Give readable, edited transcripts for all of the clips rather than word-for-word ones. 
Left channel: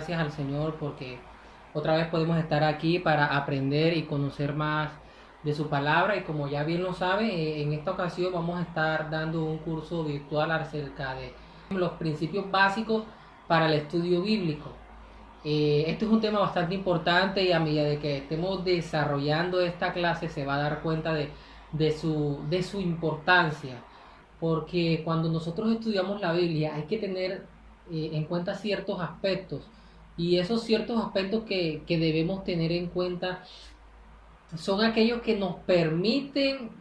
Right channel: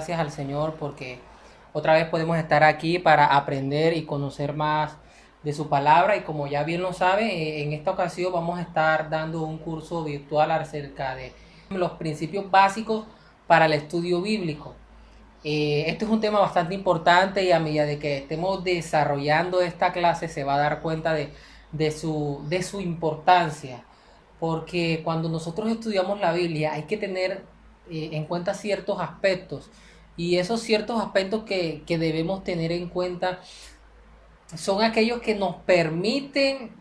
gracias al Señor porque otra vez podemos estar aquí para aprender y conocer más de su palabra. Y como ya bien lo sabe, en esta ocasión vamos a estar dando un curso virtual acerca de los principios básicos para el estudio bíblico. Esto es un tema bastante importante y a medida de que estemos desarrollando esta clase se va a dar cuenta de su importancia. Porque cuando nosotros estudiamos la Biblia hay que tener en cuenta ciertos aspectos. Y esos ciertos aspectos que debemos tener en cuenta son aquellos que nos permiten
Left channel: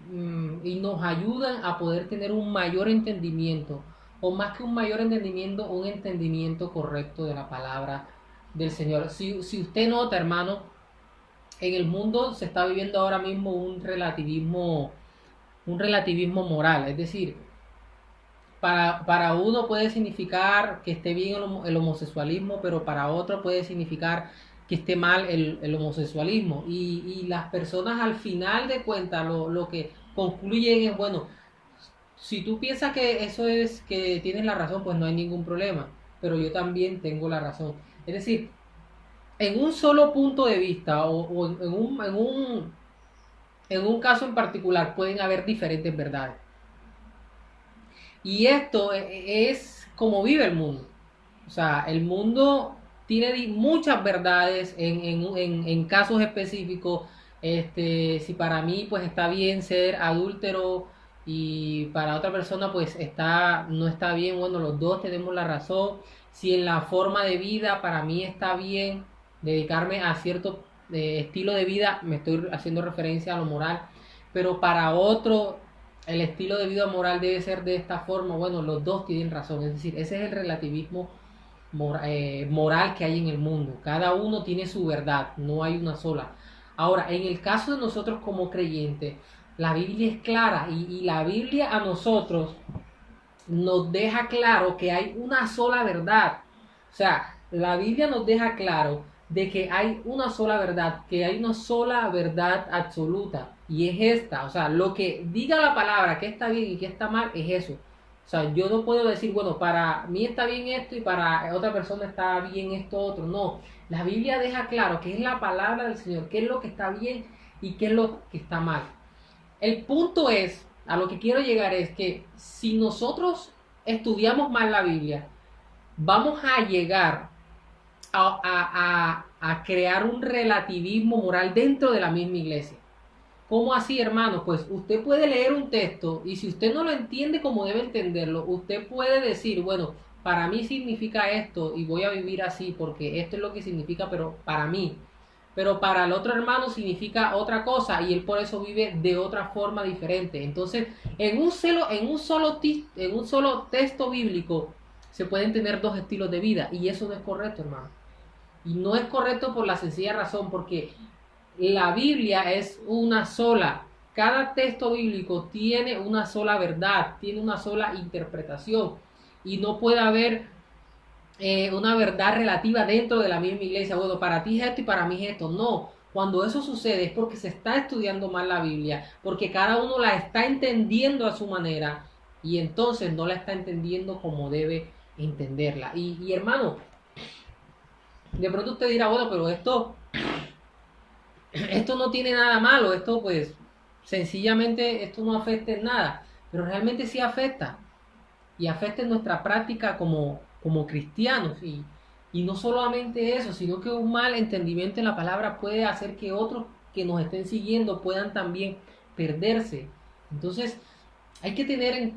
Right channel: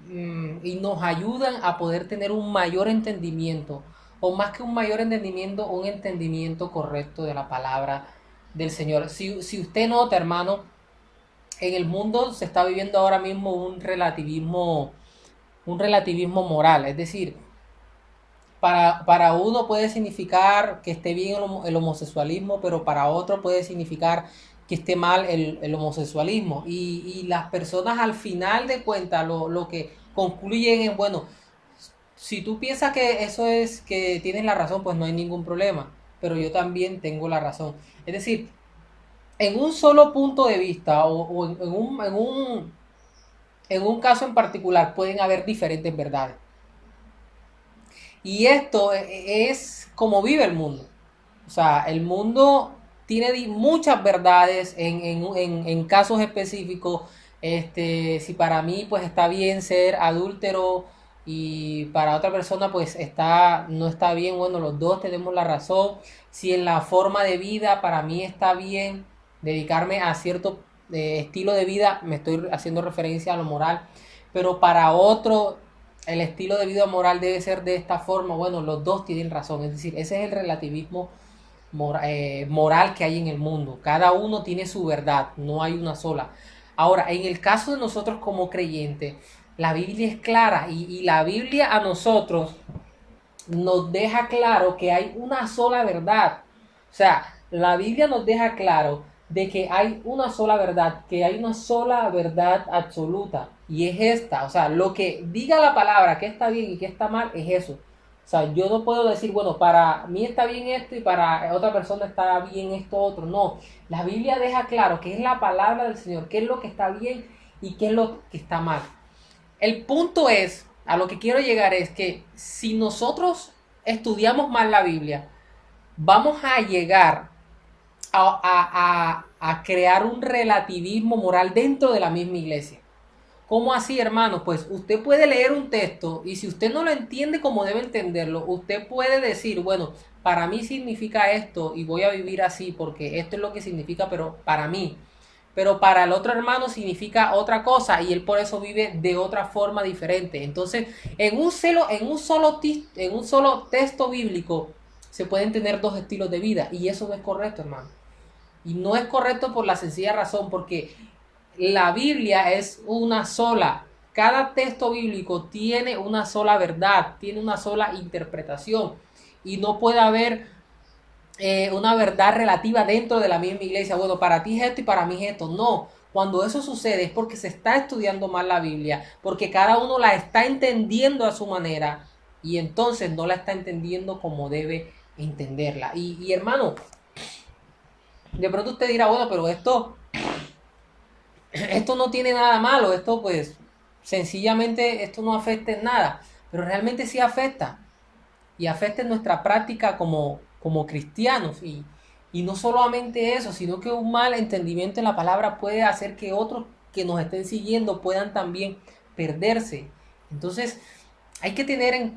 y nos ayudan a poder tener un mayor entendimiento, o más que un mayor entendimiento, un entendimiento correcto de la palabra del Señor. Si usted nota, hermano, en el mundo se está viviendo ahora mismo un relativismo moral. Es decir, para uno puede significar que esté bien el homosexualismo, pero para otro puede significar que esté mal el homosexualismo. Y las personas al final de cuentas lo que concluyen es, bueno, si tú piensas que eso es que tienes la razón, pues no hay ningún problema, pero yo también tengo la razón. Es decir, en un solo punto de vista o en un caso en particular pueden haber diferentes verdades. Y esto es como vive el mundo. O sea, el mundo tiene muchas verdades en casos específicos. Si para mí pues está bien ser adúltero y para otra persona pues no está bien, bueno, los dos tenemos la razón. Si en la forma de vida para mí está bien dedicarme a cierto estilo de vida, me estoy haciendo referencia a lo moral, pero para otro el estilo de vida moral debe ser de esta forma, bueno, los dos tienen razón. Es decir, ese es el relativismo moral que hay en el mundo. Cada uno tiene su verdad, no hay una sola. Ahora, en el caso de nosotros como creyentes, la Biblia es clara y la Biblia a nosotros nos deja claro que hay una sola verdad. O sea, la Biblia nos deja claro de que hay una sola verdad, que hay una sola verdad absoluta, y es esta. O sea, lo que diga la palabra que está bien y que está mal es eso. O sea, yo no puedo decir, bueno, para mí está bien esto y para otra persona está bien esto otro. No, la Biblia deja claro que es la palabra del Señor, qué es lo que está bien y qué es lo que está mal. El punto es, a lo que quiero llegar es que si nosotros estudiamos mal la Biblia, vamos a llegar a crear un relativismo moral dentro de la misma iglesia. ¿Cómo así, hermano? Pues usted puede leer un texto y si usted no lo entiende como debe entenderlo, usted puede decir, bueno, para mí significa esto y voy a vivir así porque esto es lo que significa, pero para mí. Pero para el otro hermano significa otra cosa y él por eso vive de otra forma diferente. Entonces, en un solo texto bíblico se pueden tener dos estilos de vida y eso no es correcto, hermano. Y no es correcto por la sencilla razón porque la Biblia es una sola. Cada texto bíblico tiene una sola verdad, tiene una sola interpretación. Y no puede haber una verdad relativa dentro de la misma iglesia. Bueno, para ti es esto y para mí es esto. No. Cuando eso sucede es porque se está estudiando mal la Biblia, porque cada uno la está entendiendo a su manera y entonces no la está entendiendo como debe entenderla. Y hermano, de pronto usted dirá, bueno, pero esto no tiene nada malo, esto pues sencillamente esto no afecta en nada, pero realmente sí afecta y afecta en nuestra práctica como cristianos y no solamente eso, sino que un mal entendimiento en la palabra puede hacer que otros que nos estén siguiendo puedan también perderse. Entonces hay que tener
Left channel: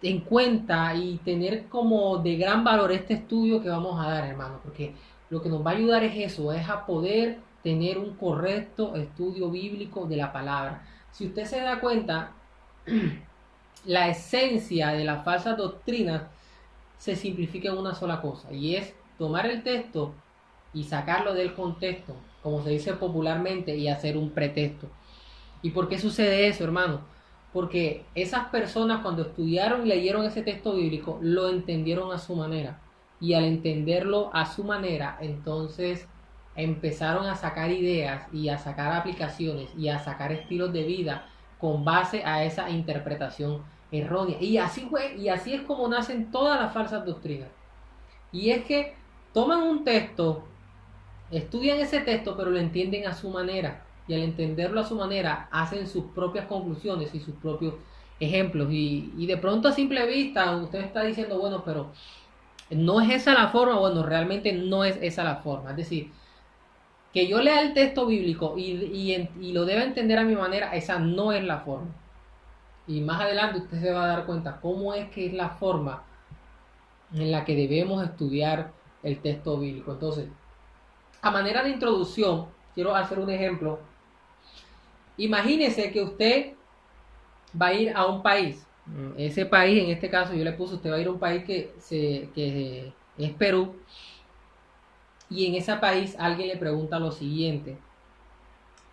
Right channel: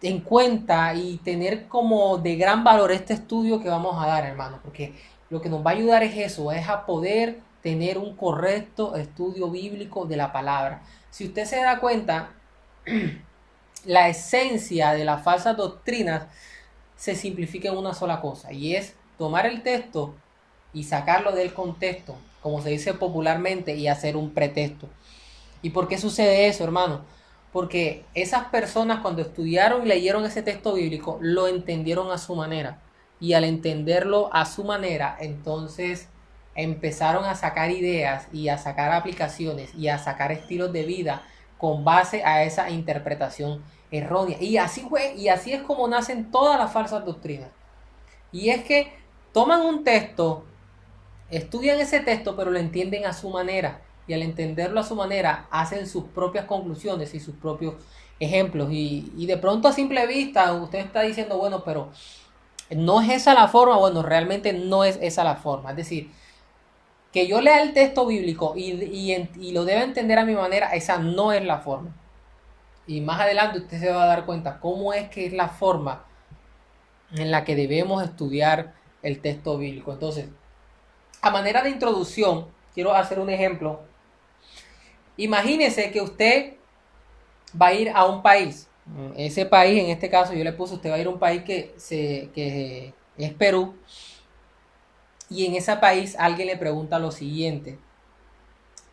en cuenta y tener como de gran valor este estudio que vamos a dar, hermano, porque lo que nos va a ayudar es eso, es a poder tener un correcto estudio bíblico de la palabra. Si usted se da cuenta, la esencia de las falsas doctrinas se simplifica en una sola cosa, y es tomar el texto y sacarlo del contexto, como se dice popularmente, y hacer un pretexto. ¿Y por qué sucede eso, hermano? Porque esas personas cuando estudiaron y leyeron ese texto bíblico, lo entendieron a su manera. Y al entenderlo a su manera, entonces empezaron a sacar ideas y a sacar aplicaciones y a sacar estilos de vida con base a esa interpretación errónea. Y así fue, y así es como nacen todas las falsas doctrinas. Y es que toman un texto, estudian ese texto, pero lo entienden a su manera. Y al entenderlo a su manera, hacen sus propias conclusiones y sus propios ejemplos. Y de pronto a simple vista, usted está diciendo, bueno, pero no es esa la forma. Bueno, realmente no es esa la forma. Es decir, que yo lea el texto bíblico y lo deba entender a mi manera, esa no es la forma. Y más adelante usted se va a dar cuenta cómo es que es la forma en la que debemos estudiar el texto bíblico. Entonces, a manera de introducción, quiero hacer un ejemplo. Imagínese que usted va a ir a un país. Ese país, en este caso, yo le puse, usted va a ir a un país que es Perú. Y en ese país alguien le pregunta lo siguiente.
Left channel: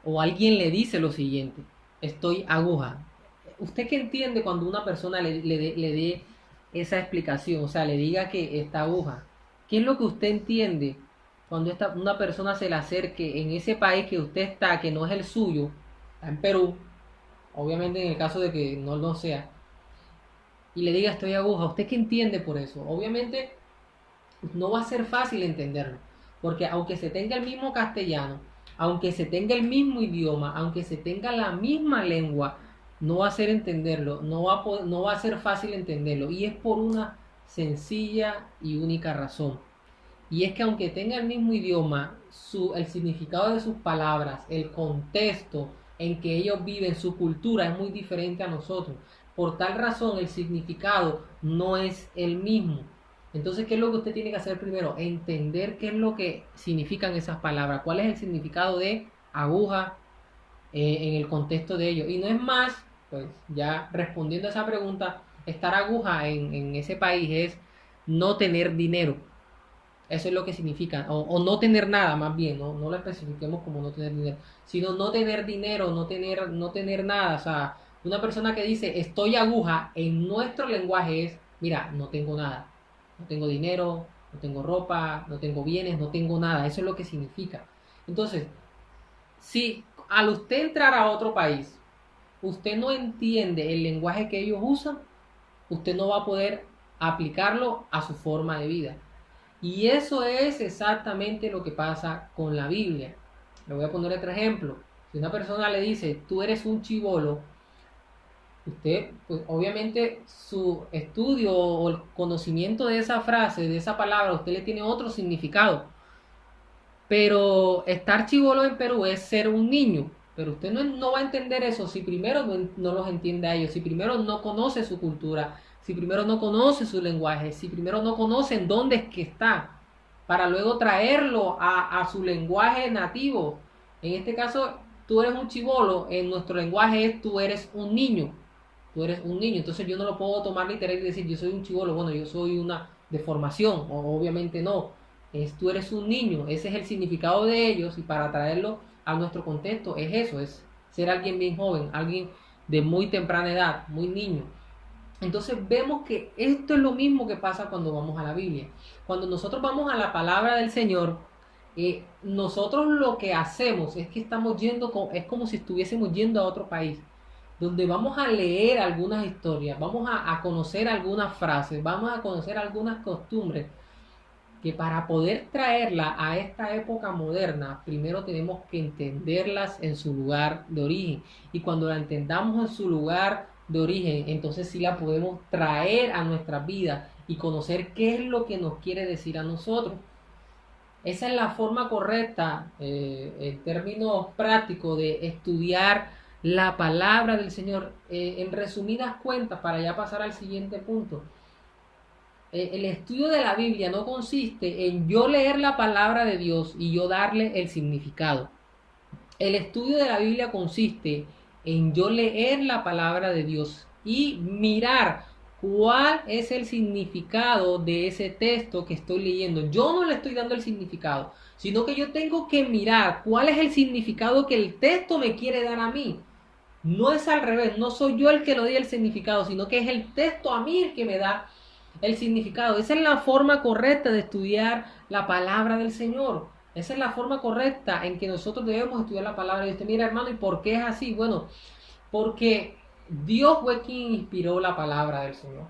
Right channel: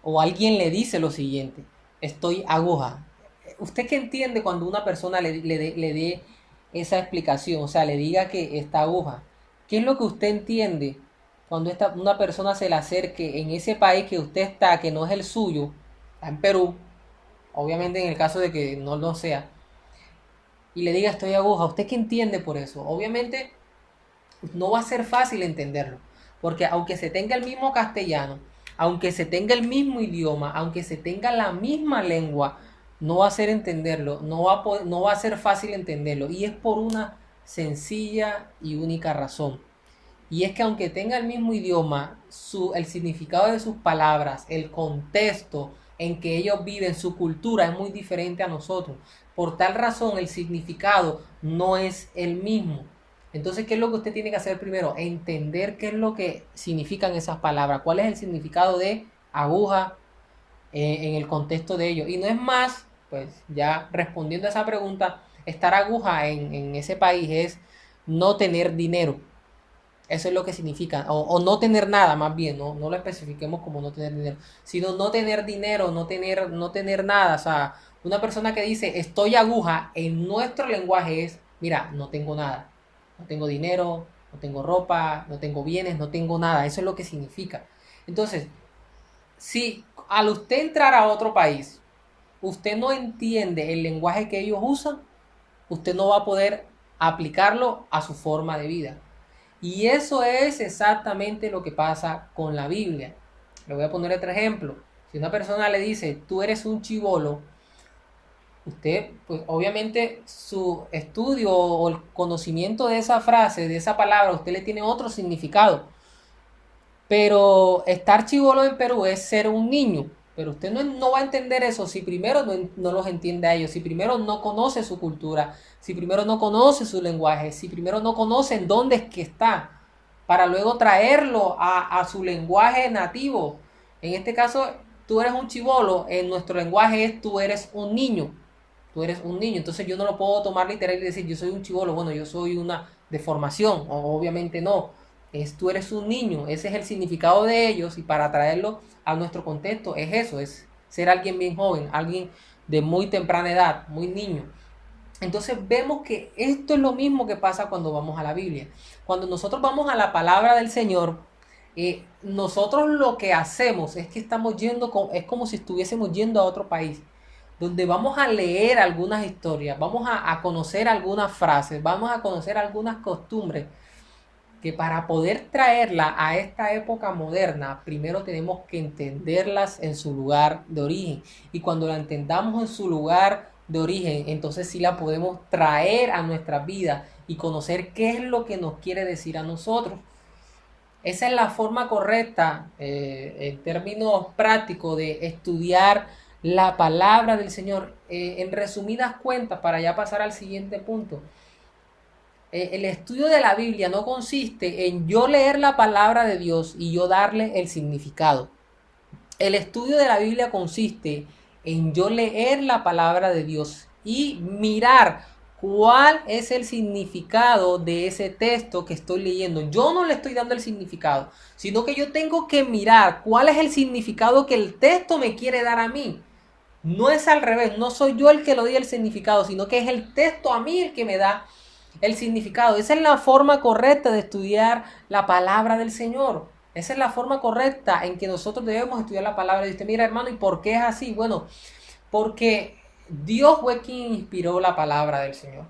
O alguien le dice lo siguiente. Estoy aguja. ¿Usted qué entiende cuando una persona le dé esa explicación? O sea, le diga que está aguja. ¿Qué es lo que usted entiende cuando una persona se le acerque en ese país que usted está, que no es el suyo, está en Perú, obviamente en el caso de que no lo sea, y le diga estoy aguja? ¿Usted qué entiende por eso? Obviamente no va a ser fácil entenderlo, porque aunque se tenga el mismo castellano, aunque se tenga el mismo idioma, aunque se tenga la misma lengua, no va a ser entenderlo, no va a ser fácil entenderlo, y es por una sencilla y única razón. Y es que aunque tenga el mismo idioma, el significado de sus palabras, el contexto en que ellos viven, su cultura es muy diferente a nosotros. Por tal razón, el significado no es el mismo. Entonces, ¿qué es lo que usted tiene que hacer primero? Entender qué es lo que significan esas palabras, cuál es el significado de aguja en el contexto de ellos. Y no es más, pues ya respondiendo a esa pregunta, estar aguja en ese país es no tener dinero. Eso es lo que significa, o no tener nada, más bien, no lo especifiquemos como no tener dinero, sino no tener dinero, no tener nada. O sea, una persona que dice estoy aguja en nuestro lenguaje es, mira, no tengo nada, no tengo dinero, no tengo ropa, no tengo bienes, no tengo nada. Eso es lo que significa. Entonces, si al usted entrar a otro país, usted no entiende el lenguaje que ellos usan, usted no va a poder aplicarlo a su forma de vida. Y eso es exactamente lo que pasa con la Biblia. Le voy a poner otro ejemplo. Si una persona le dice, tú eres un chibolo, usted, pues obviamente su estudio o el conocimiento de esa frase, de esa palabra, usted le tiene otro significado. Pero estar chibolo en Perú es ser un niño. Pero usted no va a entender eso si primero no los entiende a ellos, si primero no conoce su cultura, si primero no conoce su lenguaje, si primero no conoce en dónde es que está, para luego traerlo a su lenguaje nativo. En este caso, tú eres un chibolo, en nuestro lenguaje es tú eres un niño. Tú eres un niño, entonces yo no lo puedo tomar literal y decir yo soy un chibolo, bueno, yo soy una deformación, obviamente no. Tú eres un niño, ese es el significado de ellos, y para traerlo a nuestro contexto es eso, es ser alguien bien joven, alguien de muy temprana edad, muy niño. Entonces vemos que esto es lo mismo que pasa cuando vamos a la Biblia. Cuando nosotros vamos a la palabra del Señor, nosotros lo que hacemos es que estamos yendo, es como si estuviésemos yendo a otro país, donde vamos a leer algunas historias, vamos a conocer algunas frases, vamos a conocer algunas costumbres, que para poder traerla a esta época moderna, primero tenemos que entenderlas en su lugar de origen. Y cuando la entendamos en su lugar de origen, entonces sí la podemos traer a nuestras vidas y conocer qué es lo que nos quiere decir a nosotros. Esa es la forma correcta, en términos prácticos, de estudiar la palabra del Señor. En resumidas cuentas, para ya pasar al siguiente punto, el estudio de la Biblia no consiste en yo leer la palabra de Dios y yo darle el significado. El estudio de la Biblia consiste en yo leer la palabra de Dios y mirar cuál es el significado de ese texto que estoy leyendo. Yo no le estoy dando el significado, sino que yo tengo que mirar cuál es el significado que el texto me quiere dar a mí. No es al revés, no soy yo el que le doy el significado, sino que es el texto a mí el que me da el significado. Esa es la forma correcta de estudiar la palabra del Señor. Esa es la forma correcta en que nosotros debemos estudiar la palabra. Y usted, mira, hermano, ¿y por qué es así? Bueno, porque Dios fue quien inspiró la palabra del Señor.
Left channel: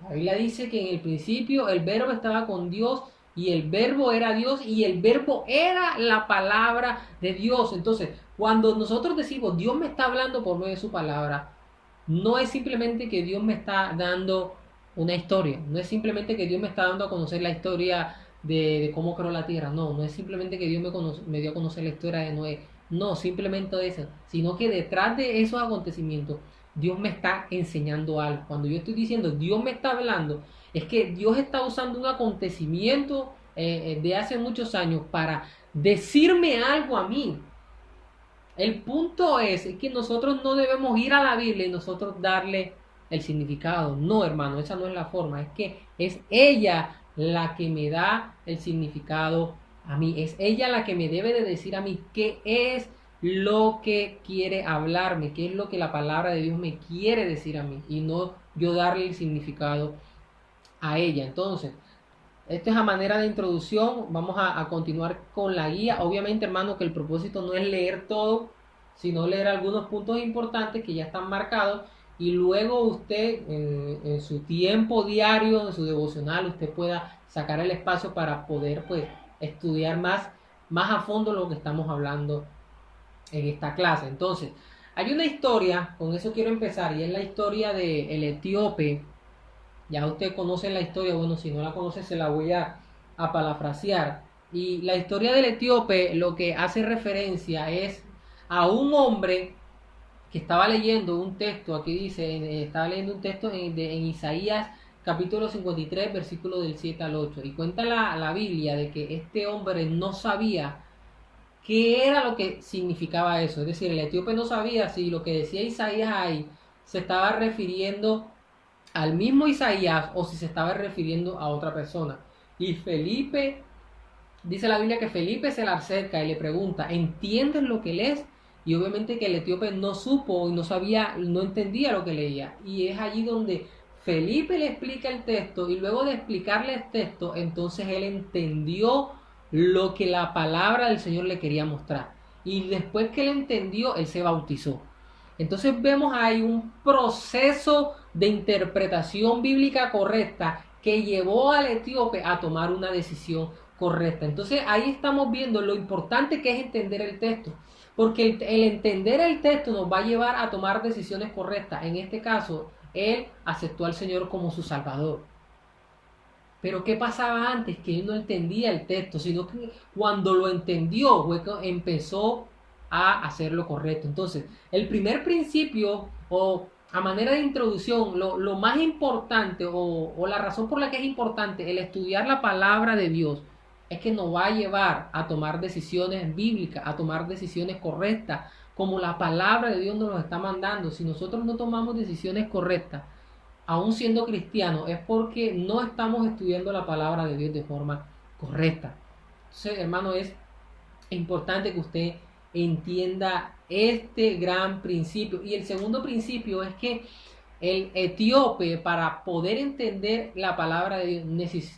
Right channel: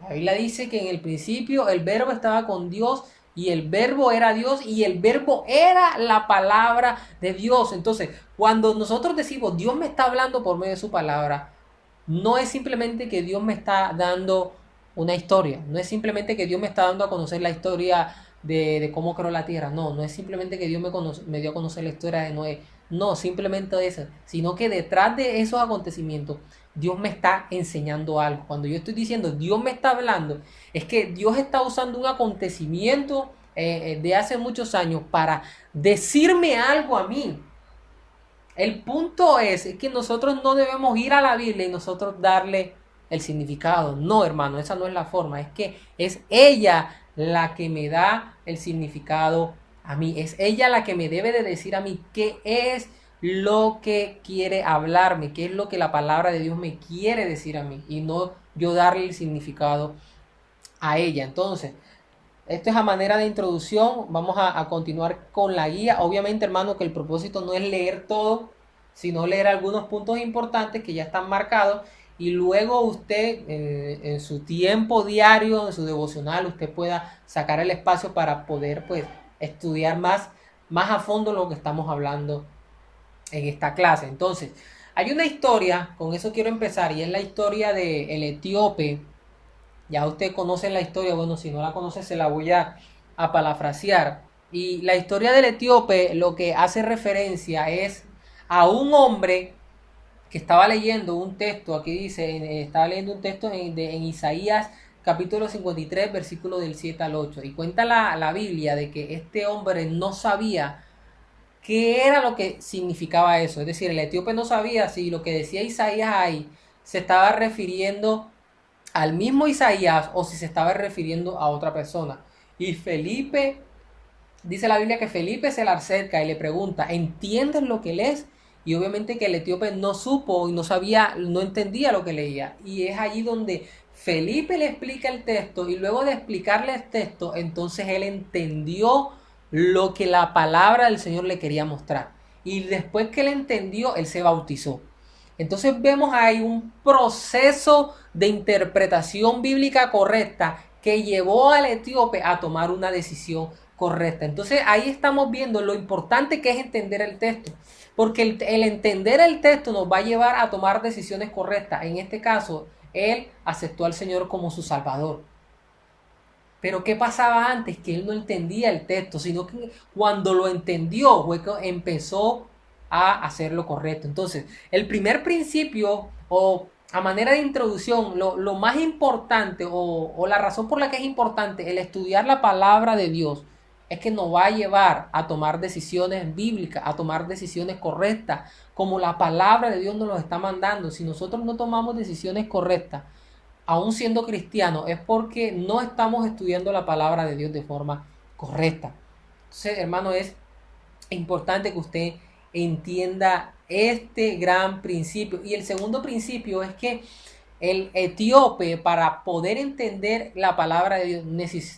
La Biblia dice que en el principio el verbo estaba con Dios y el verbo era Dios y el verbo era la palabra de Dios. Entonces, cuando nosotros decimos Dios me está hablando por medio de su palabra, no es simplemente que Dios me está dando una historia, no es simplemente que Dios me está dando a conocer la historia de cómo creó la tierra, no es simplemente que Dios me dio a conocer la historia de Noé, no, simplemente eso, sino que detrás de esos acontecimientos Dios me está enseñando algo. Cuando yo estoy diciendo Dios me está hablando, es que Dios está usando un acontecimiento de hace muchos años para decirme algo a mí. El punto es que nosotros no debemos ir a la Biblia y nosotros darle el significado. No, hermano, esa no es la forma. Es que es ella la que me da el significado a mí. Es ella la que me debe de decir a mí qué es lo que quiere hablarme, qué es lo que la palabra de Dios me quiere decir a mí y no yo darle el significado a ella. Entonces, esto es a manera de introducción. Vamos a continuar con la guía. Obviamente, hermano, que el propósito no es leer todo, sino leer algunos puntos importantes que ya están marcados. Y luego usted, en su tiempo diario, en su devocional, usted pueda sacar el espacio para poder, pues, estudiar más a fondo lo que estamos hablando en esta clase. Entonces, hay una historia, con eso quiero empezar, y es la historia del etíope. Ya usted conoce la historia, bueno, si no la conoce se la voy a parafrasear. Y la historia del etíope lo que hace referencia es a un hombre que estaba leyendo un texto, aquí dice, estaba leyendo un texto en Isaías capítulo 53, versículo del 7 al 8. Y cuenta la Biblia de que este hombre no sabía qué era lo que significaba eso. Es decir, el etíope no sabía si lo que decía Isaías ahí se estaba refiriendo al mismo Isaías o si se estaba refiriendo a otra persona. Y Felipe, dice la Biblia que Felipe se le acerca y le pregunta, ¿entiendes lo que lees? Y obviamente que el etíope no supo y no sabía, no entendía lo que leía. Y es allí donde Felipe le explica el texto y luego de explicarle el texto, entonces él entendió lo que la palabra del Señor le quería mostrar. Y después que él entendió, él se bautizó. Entonces vemos ahí un proceso de interpretación bíblica correcta que llevó al etíope a tomar una decisión correcta. Entonces ahí estamos viendo lo importante que es entender el texto, porque el entender el texto nos va a llevar a tomar decisiones correctas. En este caso, él aceptó al Señor como su Salvador. Pero ¿qué pasaba antes? Que él no entendía el texto, sino que cuando lo entendió, empezó a hacer lo correcto. Entonces, el primer principio, o a manera de introducción, lo más importante, o la razón por la que es importante el estudiar la palabra de Dios, es que nos va a llevar a tomar decisiones bíblicas, a tomar decisiones correctas, como la palabra de Dios nos lo está mandando. Si nosotros no tomamos decisiones correctas, aún siendo cristianos, es porque no estamos estudiando la palabra de Dios de forma correcta. Entonces, hermano, es importante que usted entienda este gran principio. Y el segundo principio es que el etíope, para poder entender la palabra de Dios,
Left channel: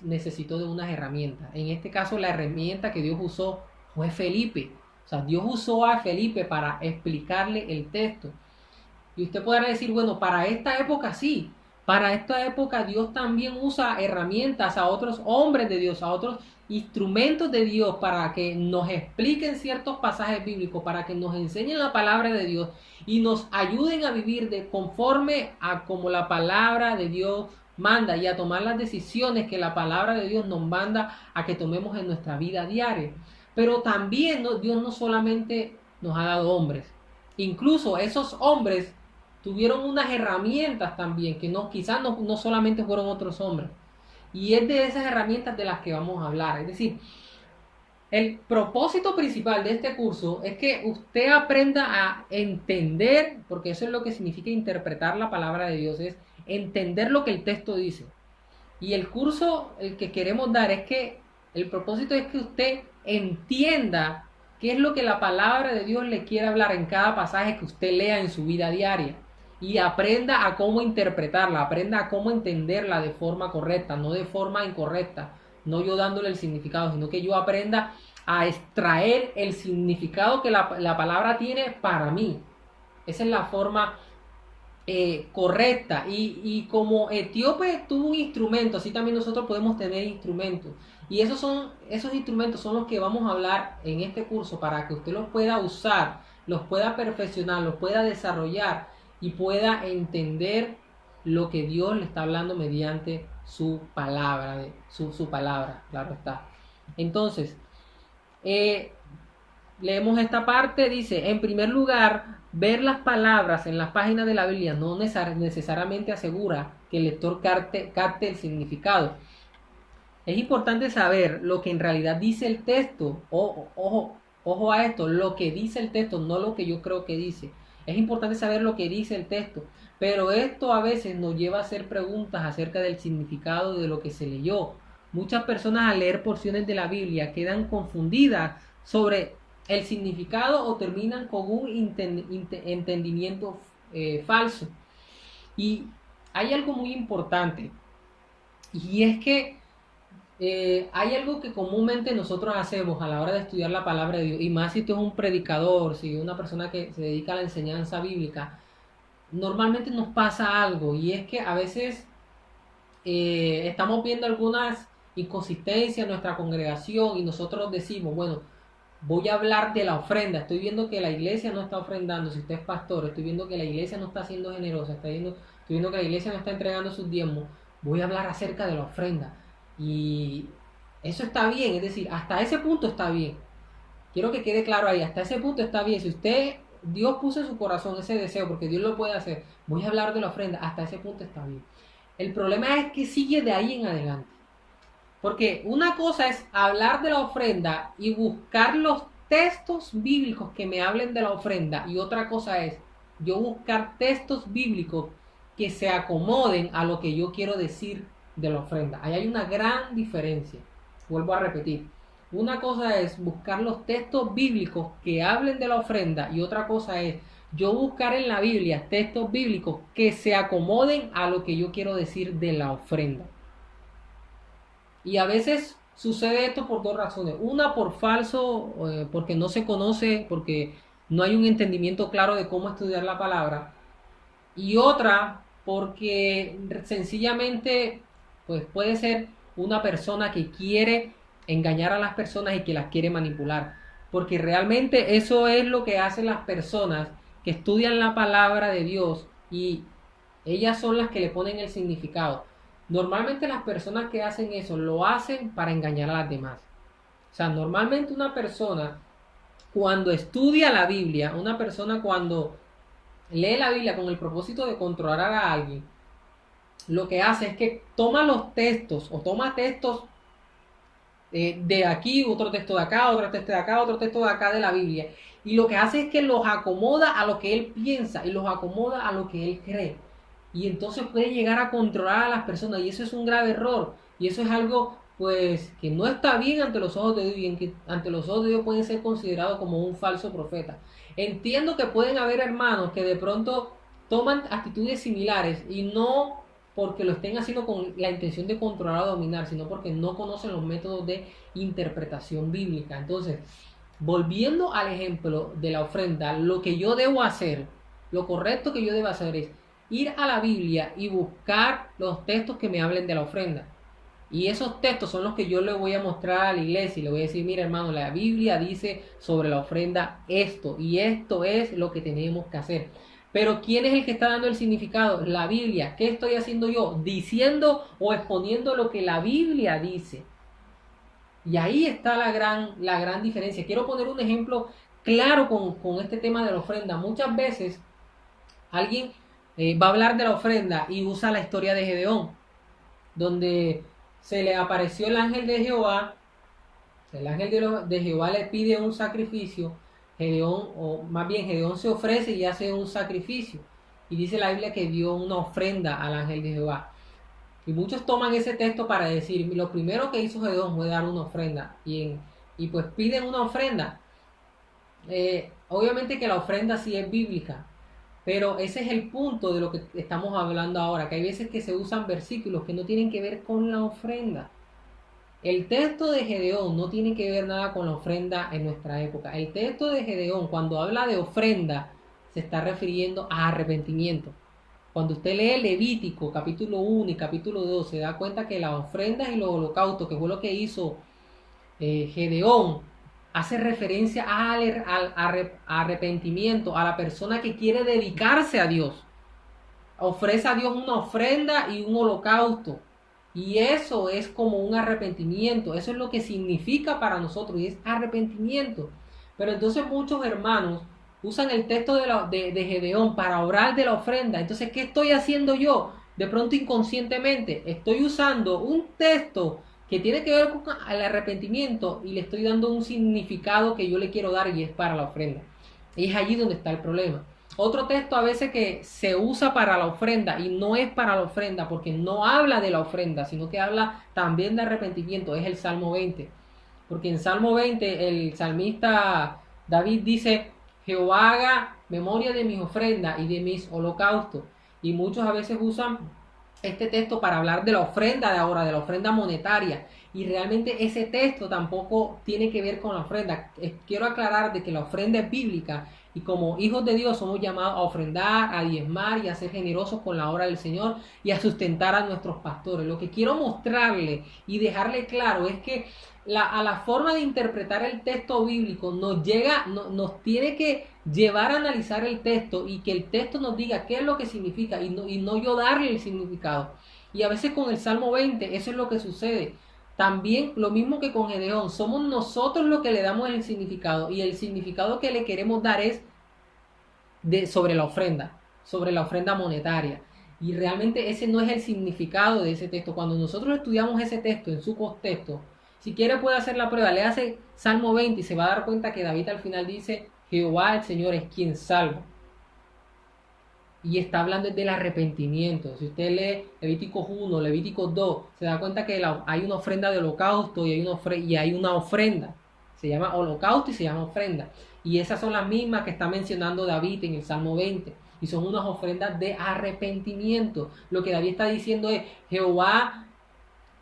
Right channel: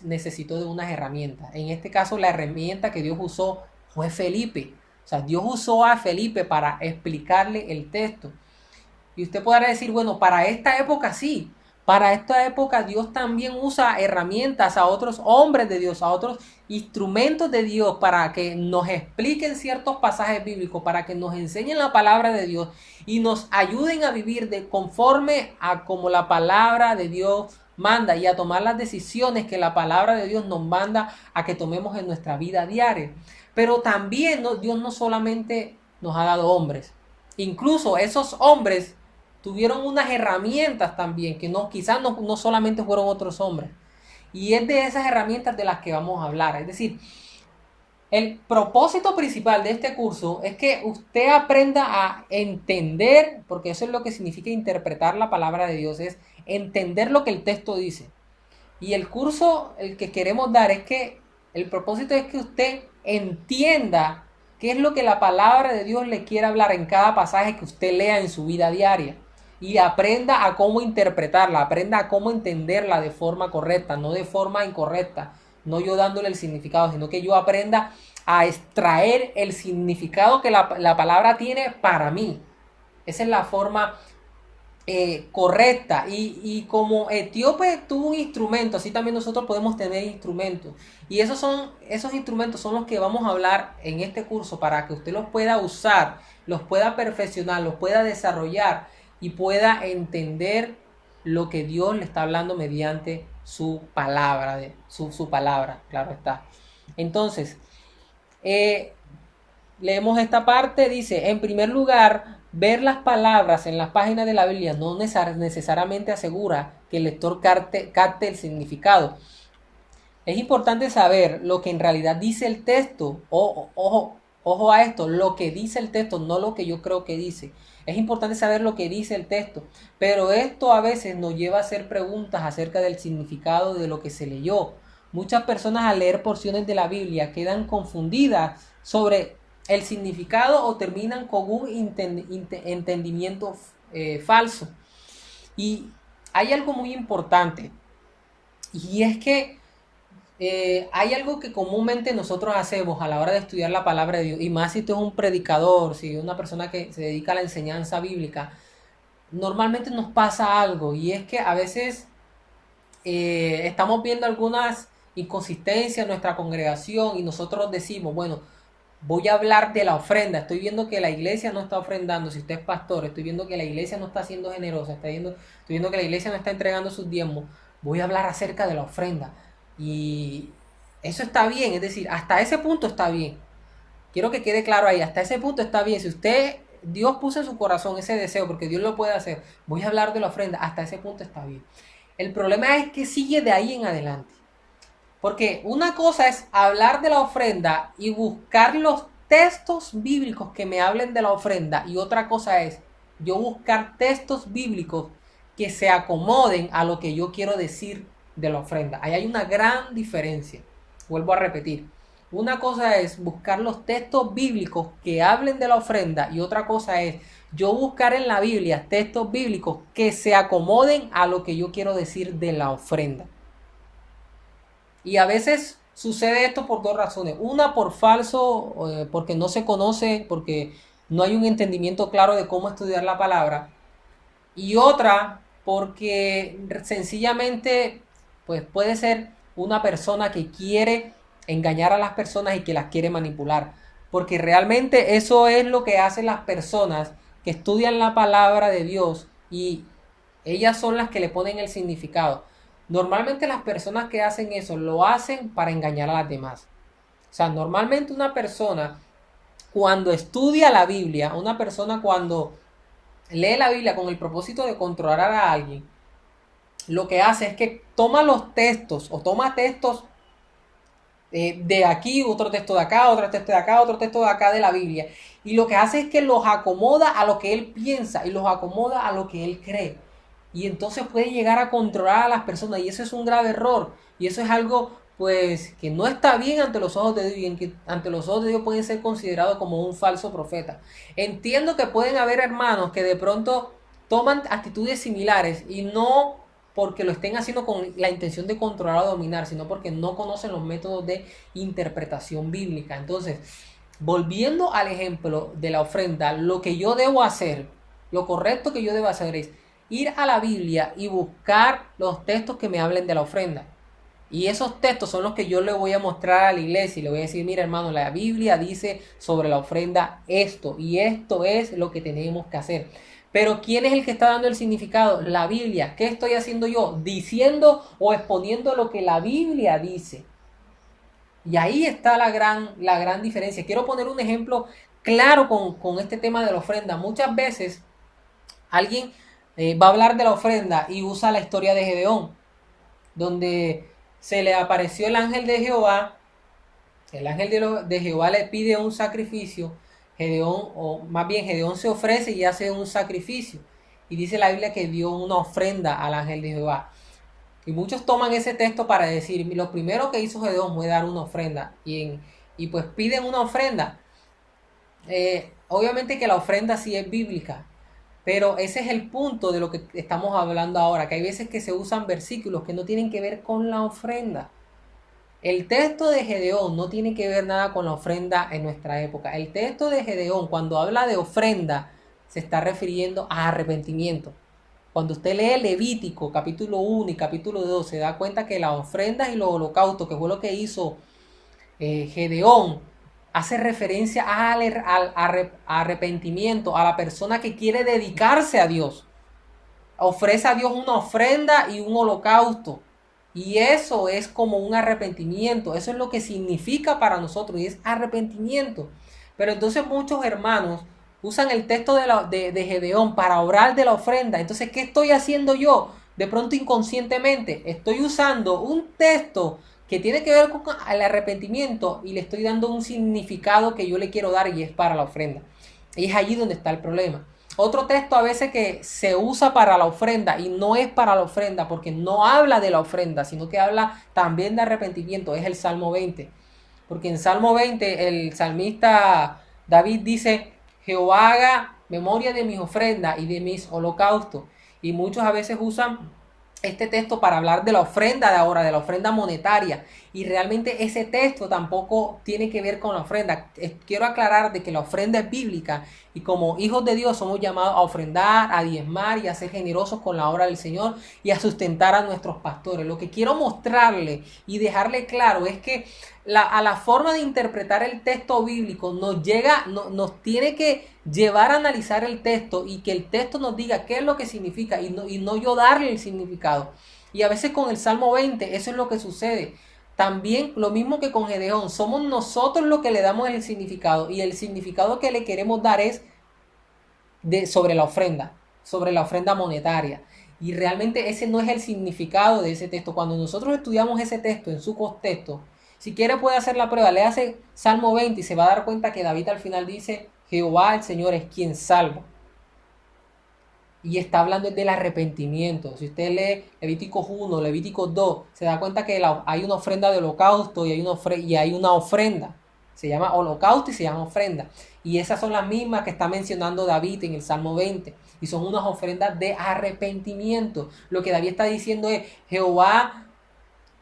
necesitó de unas herramientas. En este caso, la herramienta que Dios usó fue Felipe. O sea, Dios usó a Felipe para explicarle el texto. Y usted podrá decir, bueno, para esta época sí. Para esta época Dios también usa herramientas a otros hombres de Dios, a otros instrumentos de Dios para que nos expliquen ciertos pasajes bíblicos, para que nos enseñen la palabra de Dios y nos ayuden a vivir de conforme a como la palabra de Dios manda y a tomar las decisiones que la palabra de Dios nos manda a que tomemos en nuestra vida diaria. Pero también Dios no solamente nos ha dado hombres, incluso esos hombres tuvieron unas herramientas también, que quizás no solamente fueron otros hombres. Y es de esas herramientas de las que vamos a hablar. Es decir, el propósito principal de este curso es que usted aprenda a entender, porque eso es lo que significa interpretar la palabra de Dios, es entender lo que el texto dice. Y el curso, el que queremos dar, es que el propósito es que usted entienda qué es lo que la palabra de Dios le quiere hablar en cada pasaje que usted lea en su vida diaria. Y aprenda a cómo interpretarla, aprenda a cómo entenderla de forma correcta, no de forma incorrecta, no yo dándole el significado, sino que yo aprenda a extraer el significado que la palabra tiene para mí. Esa es la forma correcta. Y como Etíope tuvo un instrumento, así también nosotros podemos tener instrumentos. Y esos instrumentos son los que vamos a hablar en este curso para que usted los pueda usar, los pueda perfeccionar, los pueda desarrollar y pueda entender lo que Dios le está hablando mediante su palabra, su palabra, claro está. Entonces, eh, leemos esta parte, dice, en primer lugar, ver las palabras en las páginas de la Biblia no necesariamente asegura que el lector capte el significado. Es importante saber lo que en realidad dice el texto. Ojo a esto, lo que dice el texto, no lo que yo creo que dice. Es importante saber lo que dice el texto, pero esto a veces nos lleva a hacer preguntas acerca del significado de lo que se leyó. Muchas personas al leer porciones de la Biblia quedan confundidas sobre el significado o terminan con un entendimiento falso. Y hay algo muy importante, y es que hay algo que comúnmente nosotros hacemos a la hora de estudiar la palabra de Dios, y más si tú eres un predicador, si es una persona que se dedica a la enseñanza bíblica, normalmente nos pasa algo, y es que a veces estamos viendo algunas inconsistencias en nuestra congregación y nosotros decimos, bueno, voy a hablar de la ofrenda. Estoy viendo que la iglesia no está ofrendando. Si usted es pastor, estoy viendo que la iglesia no está siendo generosa. Estoy viendo que la iglesia no está entregando sus diezmos. Voy a hablar acerca de la ofrenda. Y eso está bien. Es decir, hasta ese punto está bien. Quiero que quede claro ahí. Hasta ese punto está bien. Si usted, Dios puso en su corazón ese deseo, porque Dios lo puede hacer. Voy a hablar de la ofrenda. Hasta ese punto está bien. El problema es que sigue de ahí en adelante. Porque una cosa es hablar de la ofrenda y buscar los textos bíblicos que me hablen de la ofrenda. Y otra cosa es yo buscar textos bíblicos que se acomoden a lo que yo quiero decir de la ofrenda. Ahí hay una gran diferencia. Vuelvo a repetir. Una cosa es buscar los textos bíblicos que hablen de la ofrenda. Y otra cosa es yo buscar en la Biblia textos bíblicos que se acomoden a lo que yo quiero decir de la ofrenda. Y a veces sucede esto por dos razones. Una, por falso, porque no se conoce, porque no hay un entendimiento claro de cómo estudiar la palabra. Y otra, porque sencillamente, pues puede ser una persona que quiere engañar a las personas y que las quiere manipular. Porque realmente eso es lo que hacen las personas que estudian la palabra de Dios y ellas son las que le ponen el significado. Normalmente las personas que hacen eso lo hacen para engañar a las demás. O sea, normalmente una persona cuando estudia la Biblia, una persona cuando lee la Biblia con el propósito de controlar a alguien, lo que hace es que toma los textos o toma textos de aquí, otro texto de acá, otro texto de acá, otro texto de acá de la Biblia. Y lo que hace es que los acomoda a lo que él piensa y los acomoda a lo que él cree. Y entonces puede llegar a controlar a las personas y eso es un grave error. Y eso es algo pues que no está bien ante los ojos de Dios y en que ante los ojos de Dios puede ser considerado como un falso profeta. Entiendo que pueden haber hermanos que de pronto toman actitudes similares y no porque lo estén haciendo con la intención de controlar o dominar, sino porque no conocen los métodos de interpretación bíblica. Entonces, volviendo al ejemplo de la ofrenda, lo que yo debo hacer, lo correcto que yo debo hacer es ir a la Biblia y buscar los textos que me hablen de la ofrenda. Y esos textos son los que yo le voy a mostrar a la iglesia y le voy a decir, mira hermano, la Biblia dice sobre la ofrenda esto y esto es lo que tenemos que hacer. Pero ¿quién es el que está dando el significado? La Biblia. ¿Qué estoy haciendo yo? Diciendo o exponiendo lo que la Biblia dice. Y ahí está la gran diferencia. Quiero poner un ejemplo claro con este tema de la ofrenda. Muchas veces alguien va a hablar de la ofrenda y usa la historia de Gedeón, donde se le apareció el ángel de Jehová. El ángel de Jehová le pide un sacrificio. Gedeón, o más bien Gedeón se ofrece y hace un sacrificio. Y dice la Biblia que dio una ofrenda al ángel de Jehová. Y muchos toman ese texto para decir, lo primero que hizo Gedeón fue dar una ofrenda. Y pues piden una ofrenda. Obviamente que la ofrenda sí es bíblica. Pero ese es el punto de lo que estamos hablando ahora. Que hay veces que se usan versículos que no tienen que ver con la ofrenda. El texto de Gedeón no tiene que ver nada con la ofrenda en nuestra época. El texto de Gedeón, cuando habla de ofrenda, se está refiriendo a arrepentimiento. Cuando usted lee Levítico capítulo 1 y capítulo 2, se da cuenta que las ofrendas y los holocaustos, que fue lo que hizo Gedeón, hace referencia al arrepentimiento, a la persona que quiere dedicarse a Dios. Ofrece a Dios una ofrenda y un holocausto. Y eso es como un arrepentimiento. Eso es lo que significa para nosotros y es arrepentimiento. Pero entonces muchos hermanos usan el texto de Gedeón para orar de la ofrenda. Entonces, ¿qué estoy haciendo yo? De pronto inconscientemente estoy usando un texto que tiene que ver con el arrepentimiento y le estoy dando un significado que yo le quiero dar y es para la ofrenda. Y es allí donde está el problema. Otro texto a veces que se usa para la ofrenda y no es para la ofrenda porque no habla de la ofrenda, sino que habla también de arrepentimiento, es el Salmo 20. Porque en Salmo 20 el salmista David dice, Jehová haga memoria de mis ofrendas y de mis holocaustos. Y muchos a veces usan este texto para hablar de la ofrenda de ahora, de la ofrenda monetaria. Y realmente ese texto tampoco tiene que ver con la ofrenda. Quiero aclarar de que la ofrenda es bíblica y como hijos de Dios somos llamados a ofrendar, a diezmar y a ser generosos con la obra del Señor y a sustentar a nuestros pastores. Lo que quiero mostrarle y dejarle claro es que a la forma de interpretar el texto bíblico nos tiene que llevar a analizar el texto y que el texto nos diga qué es lo que significa y no yo darle el significado. Y a veces con el Salmo 20 eso es lo que sucede. También lo mismo que con Gedeón, somos nosotros los que le damos el significado y el significado que le queremos dar es sobre la ofrenda monetaria. Y realmente ese no es el significado de ese texto. Cuando nosotros estudiamos ese texto en su contexto, si quiere puede hacer la prueba, le hace Salmo 20 y se va a dar cuenta que David al final dice, Jehová el Señor es quien salva. Y está hablando del arrepentimiento. Si usted lee Levíticos 1, Levíticos 2, se da cuenta que hay una ofrenda de holocausto y hay una ofrenda. Se llama holocausto y se llama ofrenda. Y esas son las mismas que está mencionando David en el Salmo 20. Y son unas ofrendas de arrepentimiento. Lo que David está diciendo es, Jehová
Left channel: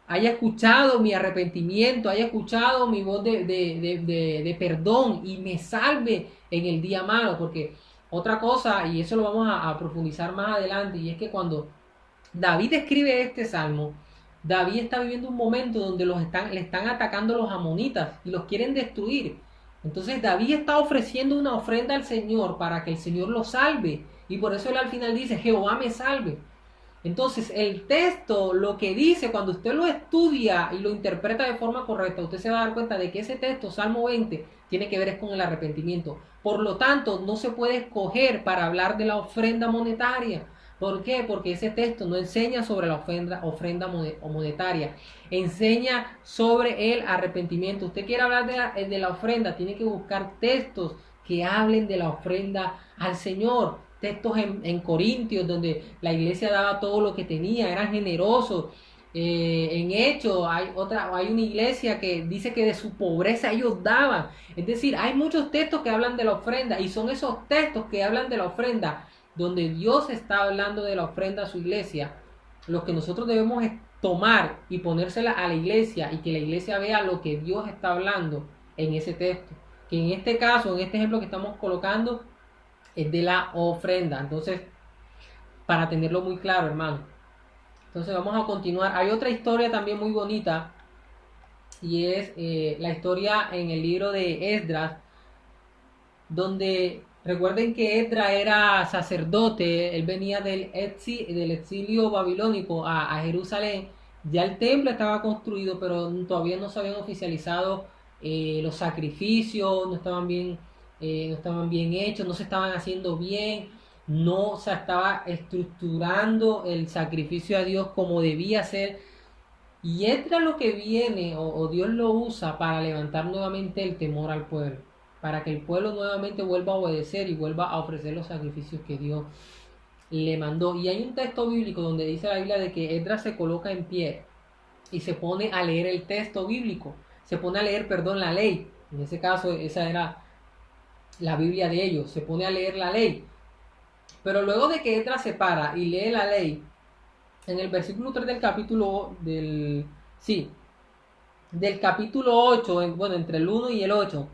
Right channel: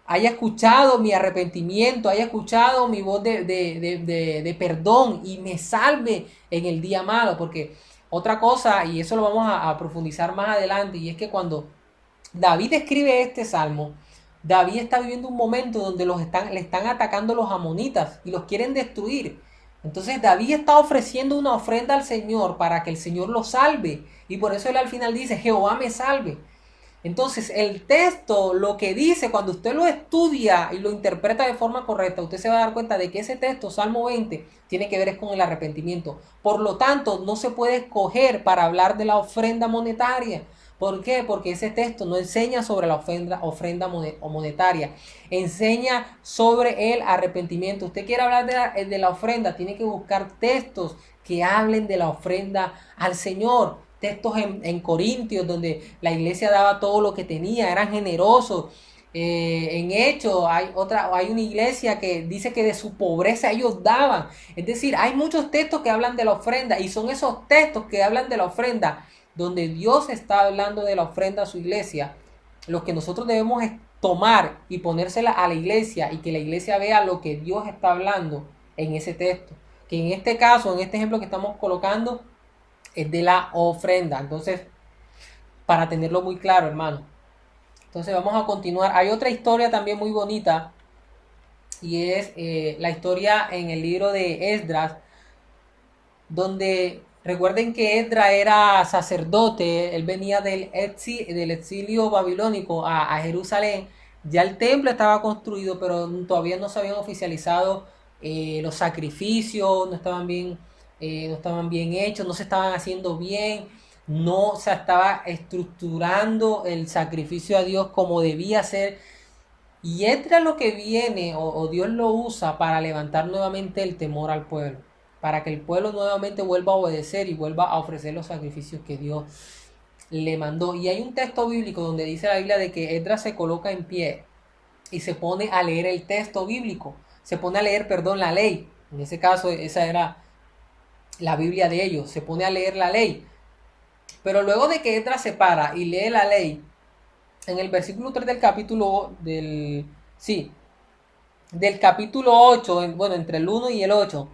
haya escuchado mi arrepentimiento, haya escuchado mi voz de perdón y me salve en el día malo. Porque otra cosa, y eso lo vamos a profundizar más adelante, y es que cuando David escribe este salmo, David está viviendo un momento donde le están atacando los amonitas y los quieren destruir. Entonces David está ofreciendo una ofrenda al Señor para que el Señor lo salve. Y por eso él al final dice, Jehová me salve. Entonces el texto, lo que dice, cuando usted lo estudia y lo interpreta de forma correcta, usted se va a dar cuenta de que ese texto, Salmo 20, tiene que ver es con el arrepentimiento. Por lo tanto, no se puede escoger para hablar de la ofrenda monetaria. ¿Por qué? Porque ese texto no enseña sobre la ofrenda monetaria, enseña sobre el arrepentimiento. Usted quiere hablar de la ofrenda, tiene que buscar textos que hablen de la ofrenda al Señor. Textos en Corintios donde la iglesia daba todo lo que tenía, eran generosos. En Hechos hay una iglesia que dice que de su pobreza ellos daban. Es decir, hay muchos textos que hablan de la ofrenda y son esos textos que hablan de la ofrenda donde Dios está hablando de la ofrenda a su iglesia. Los que nosotros debemos es tomar y ponérsela a la iglesia y que la iglesia vea lo que Dios está hablando en ese texto. Que en este caso, en este ejemplo que estamos colocando, es de la ofrenda. Entonces, para tenerlo muy claro, hermano. Entonces vamos a continuar. Hay otra historia también muy bonita y es la historia en el libro de Esdras, donde recuerden que Esdras era sacerdote, él venía del exilio babilónico a Jerusalén. Ya el templo estaba construido, pero todavía no se habían oficializado los sacrificios, no estaban bien hechos, no se estaban haciendo bien, no se estaba estructurando el sacrificio a Dios como debía ser. Y entra lo que viene, o Dios lo usa para levantar nuevamente el temor al pueblo, para que el pueblo nuevamente vuelva a obedecer y vuelva a ofrecer los sacrificios que Dios le mandó. Y hay un texto bíblico donde dice la Biblia de que Esdras se coloca en pie y se pone a leer el texto bíblico, se pone a leer, perdón, la ley. En ese caso, esa era la Biblia de ellos, se pone a leer la ley. Pero luego de que Esdras se para y lee la ley, en el versículo 3 del capítulo 8, bueno, entre el 1 y el 8,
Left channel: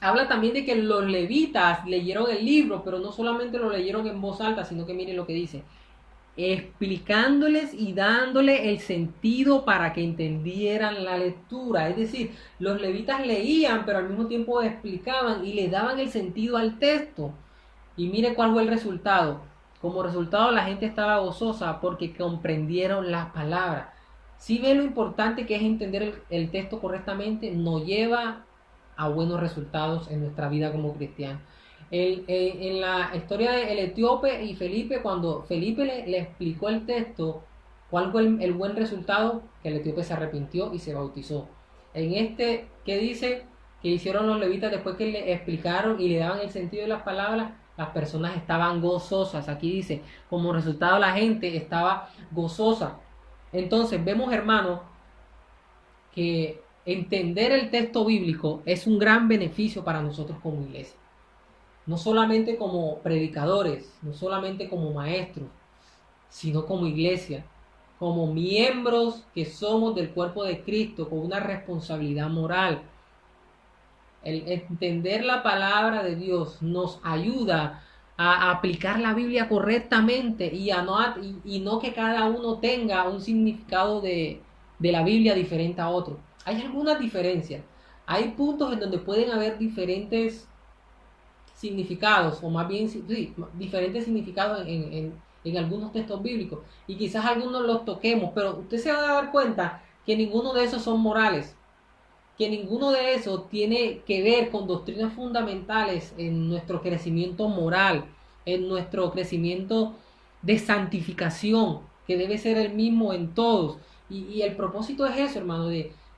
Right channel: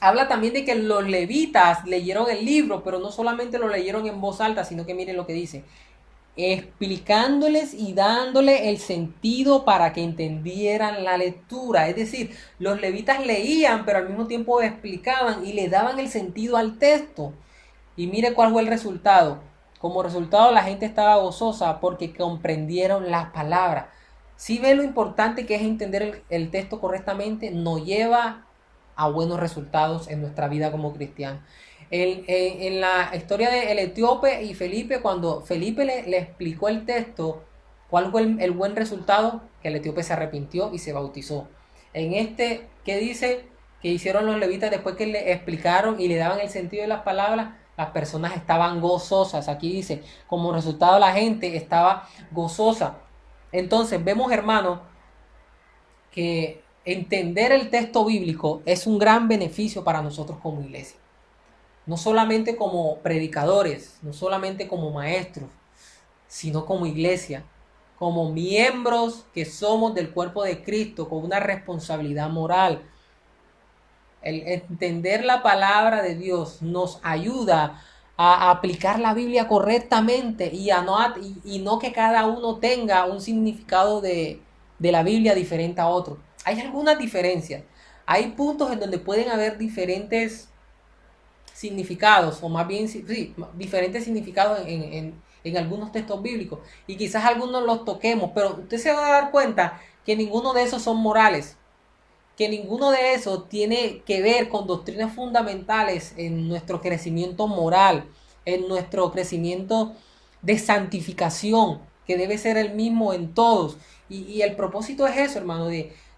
Habla también de que los levitas leyeron el libro, pero no solamente lo leyeron en voz alta, sino que miren lo que dice, explicándoles y dándole el sentido para que entendieran la lectura. Es decir, los levitas leían, pero al mismo tiempo explicaban y le daban el sentido al texto. Y mire cuál fue el resultado. Como resultado, la gente estaba gozosa porque comprendieron las palabras. Si ven lo importante que es entender el texto correctamente, nos lleva a buenos resultados en nuestra vida como cristianos. En la historia del etíope y Felipe, cuando Felipe le explicó el texto, ¿cuál fue el buen resultado? Que el etíope se arrepintió y se bautizó. En este, ¿qué dice? Que hicieron los levitas después que le explicaron y le daban el sentido de las palabras, las personas estaban gozosas. Aquí dice, como resultado la gente estaba gozosa. Entonces vemos, hermanos, que entender el texto bíblico es un gran beneficio para nosotros como iglesia. No solamente como predicadores, no solamente como maestros, sino como iglesia, como miembros que somos del cuerpo de Cristo, con una responsabilidad moral. El entender la palabra de Dios nos ayuda a aplicar la Biblia correctamente y no que cada uno tenga un significado de la Biblia diferente a otro. Hay algunas diferencias. Hay puntos en donde pueden haber diferentes significados, o más bien sí, diferentes significados en algunos textos bíblicos. Y quizás algunos los toquemos, pero usted se va a dar cuenta que ninguno de esos son morales, que ninguno de esos tiene que ver con doctrinas fundamentales en nuestro crecimiento moral, en nuestro crecimiento de santificación, que debe ser el mismo en todos. Y el propósito es eso, hermano,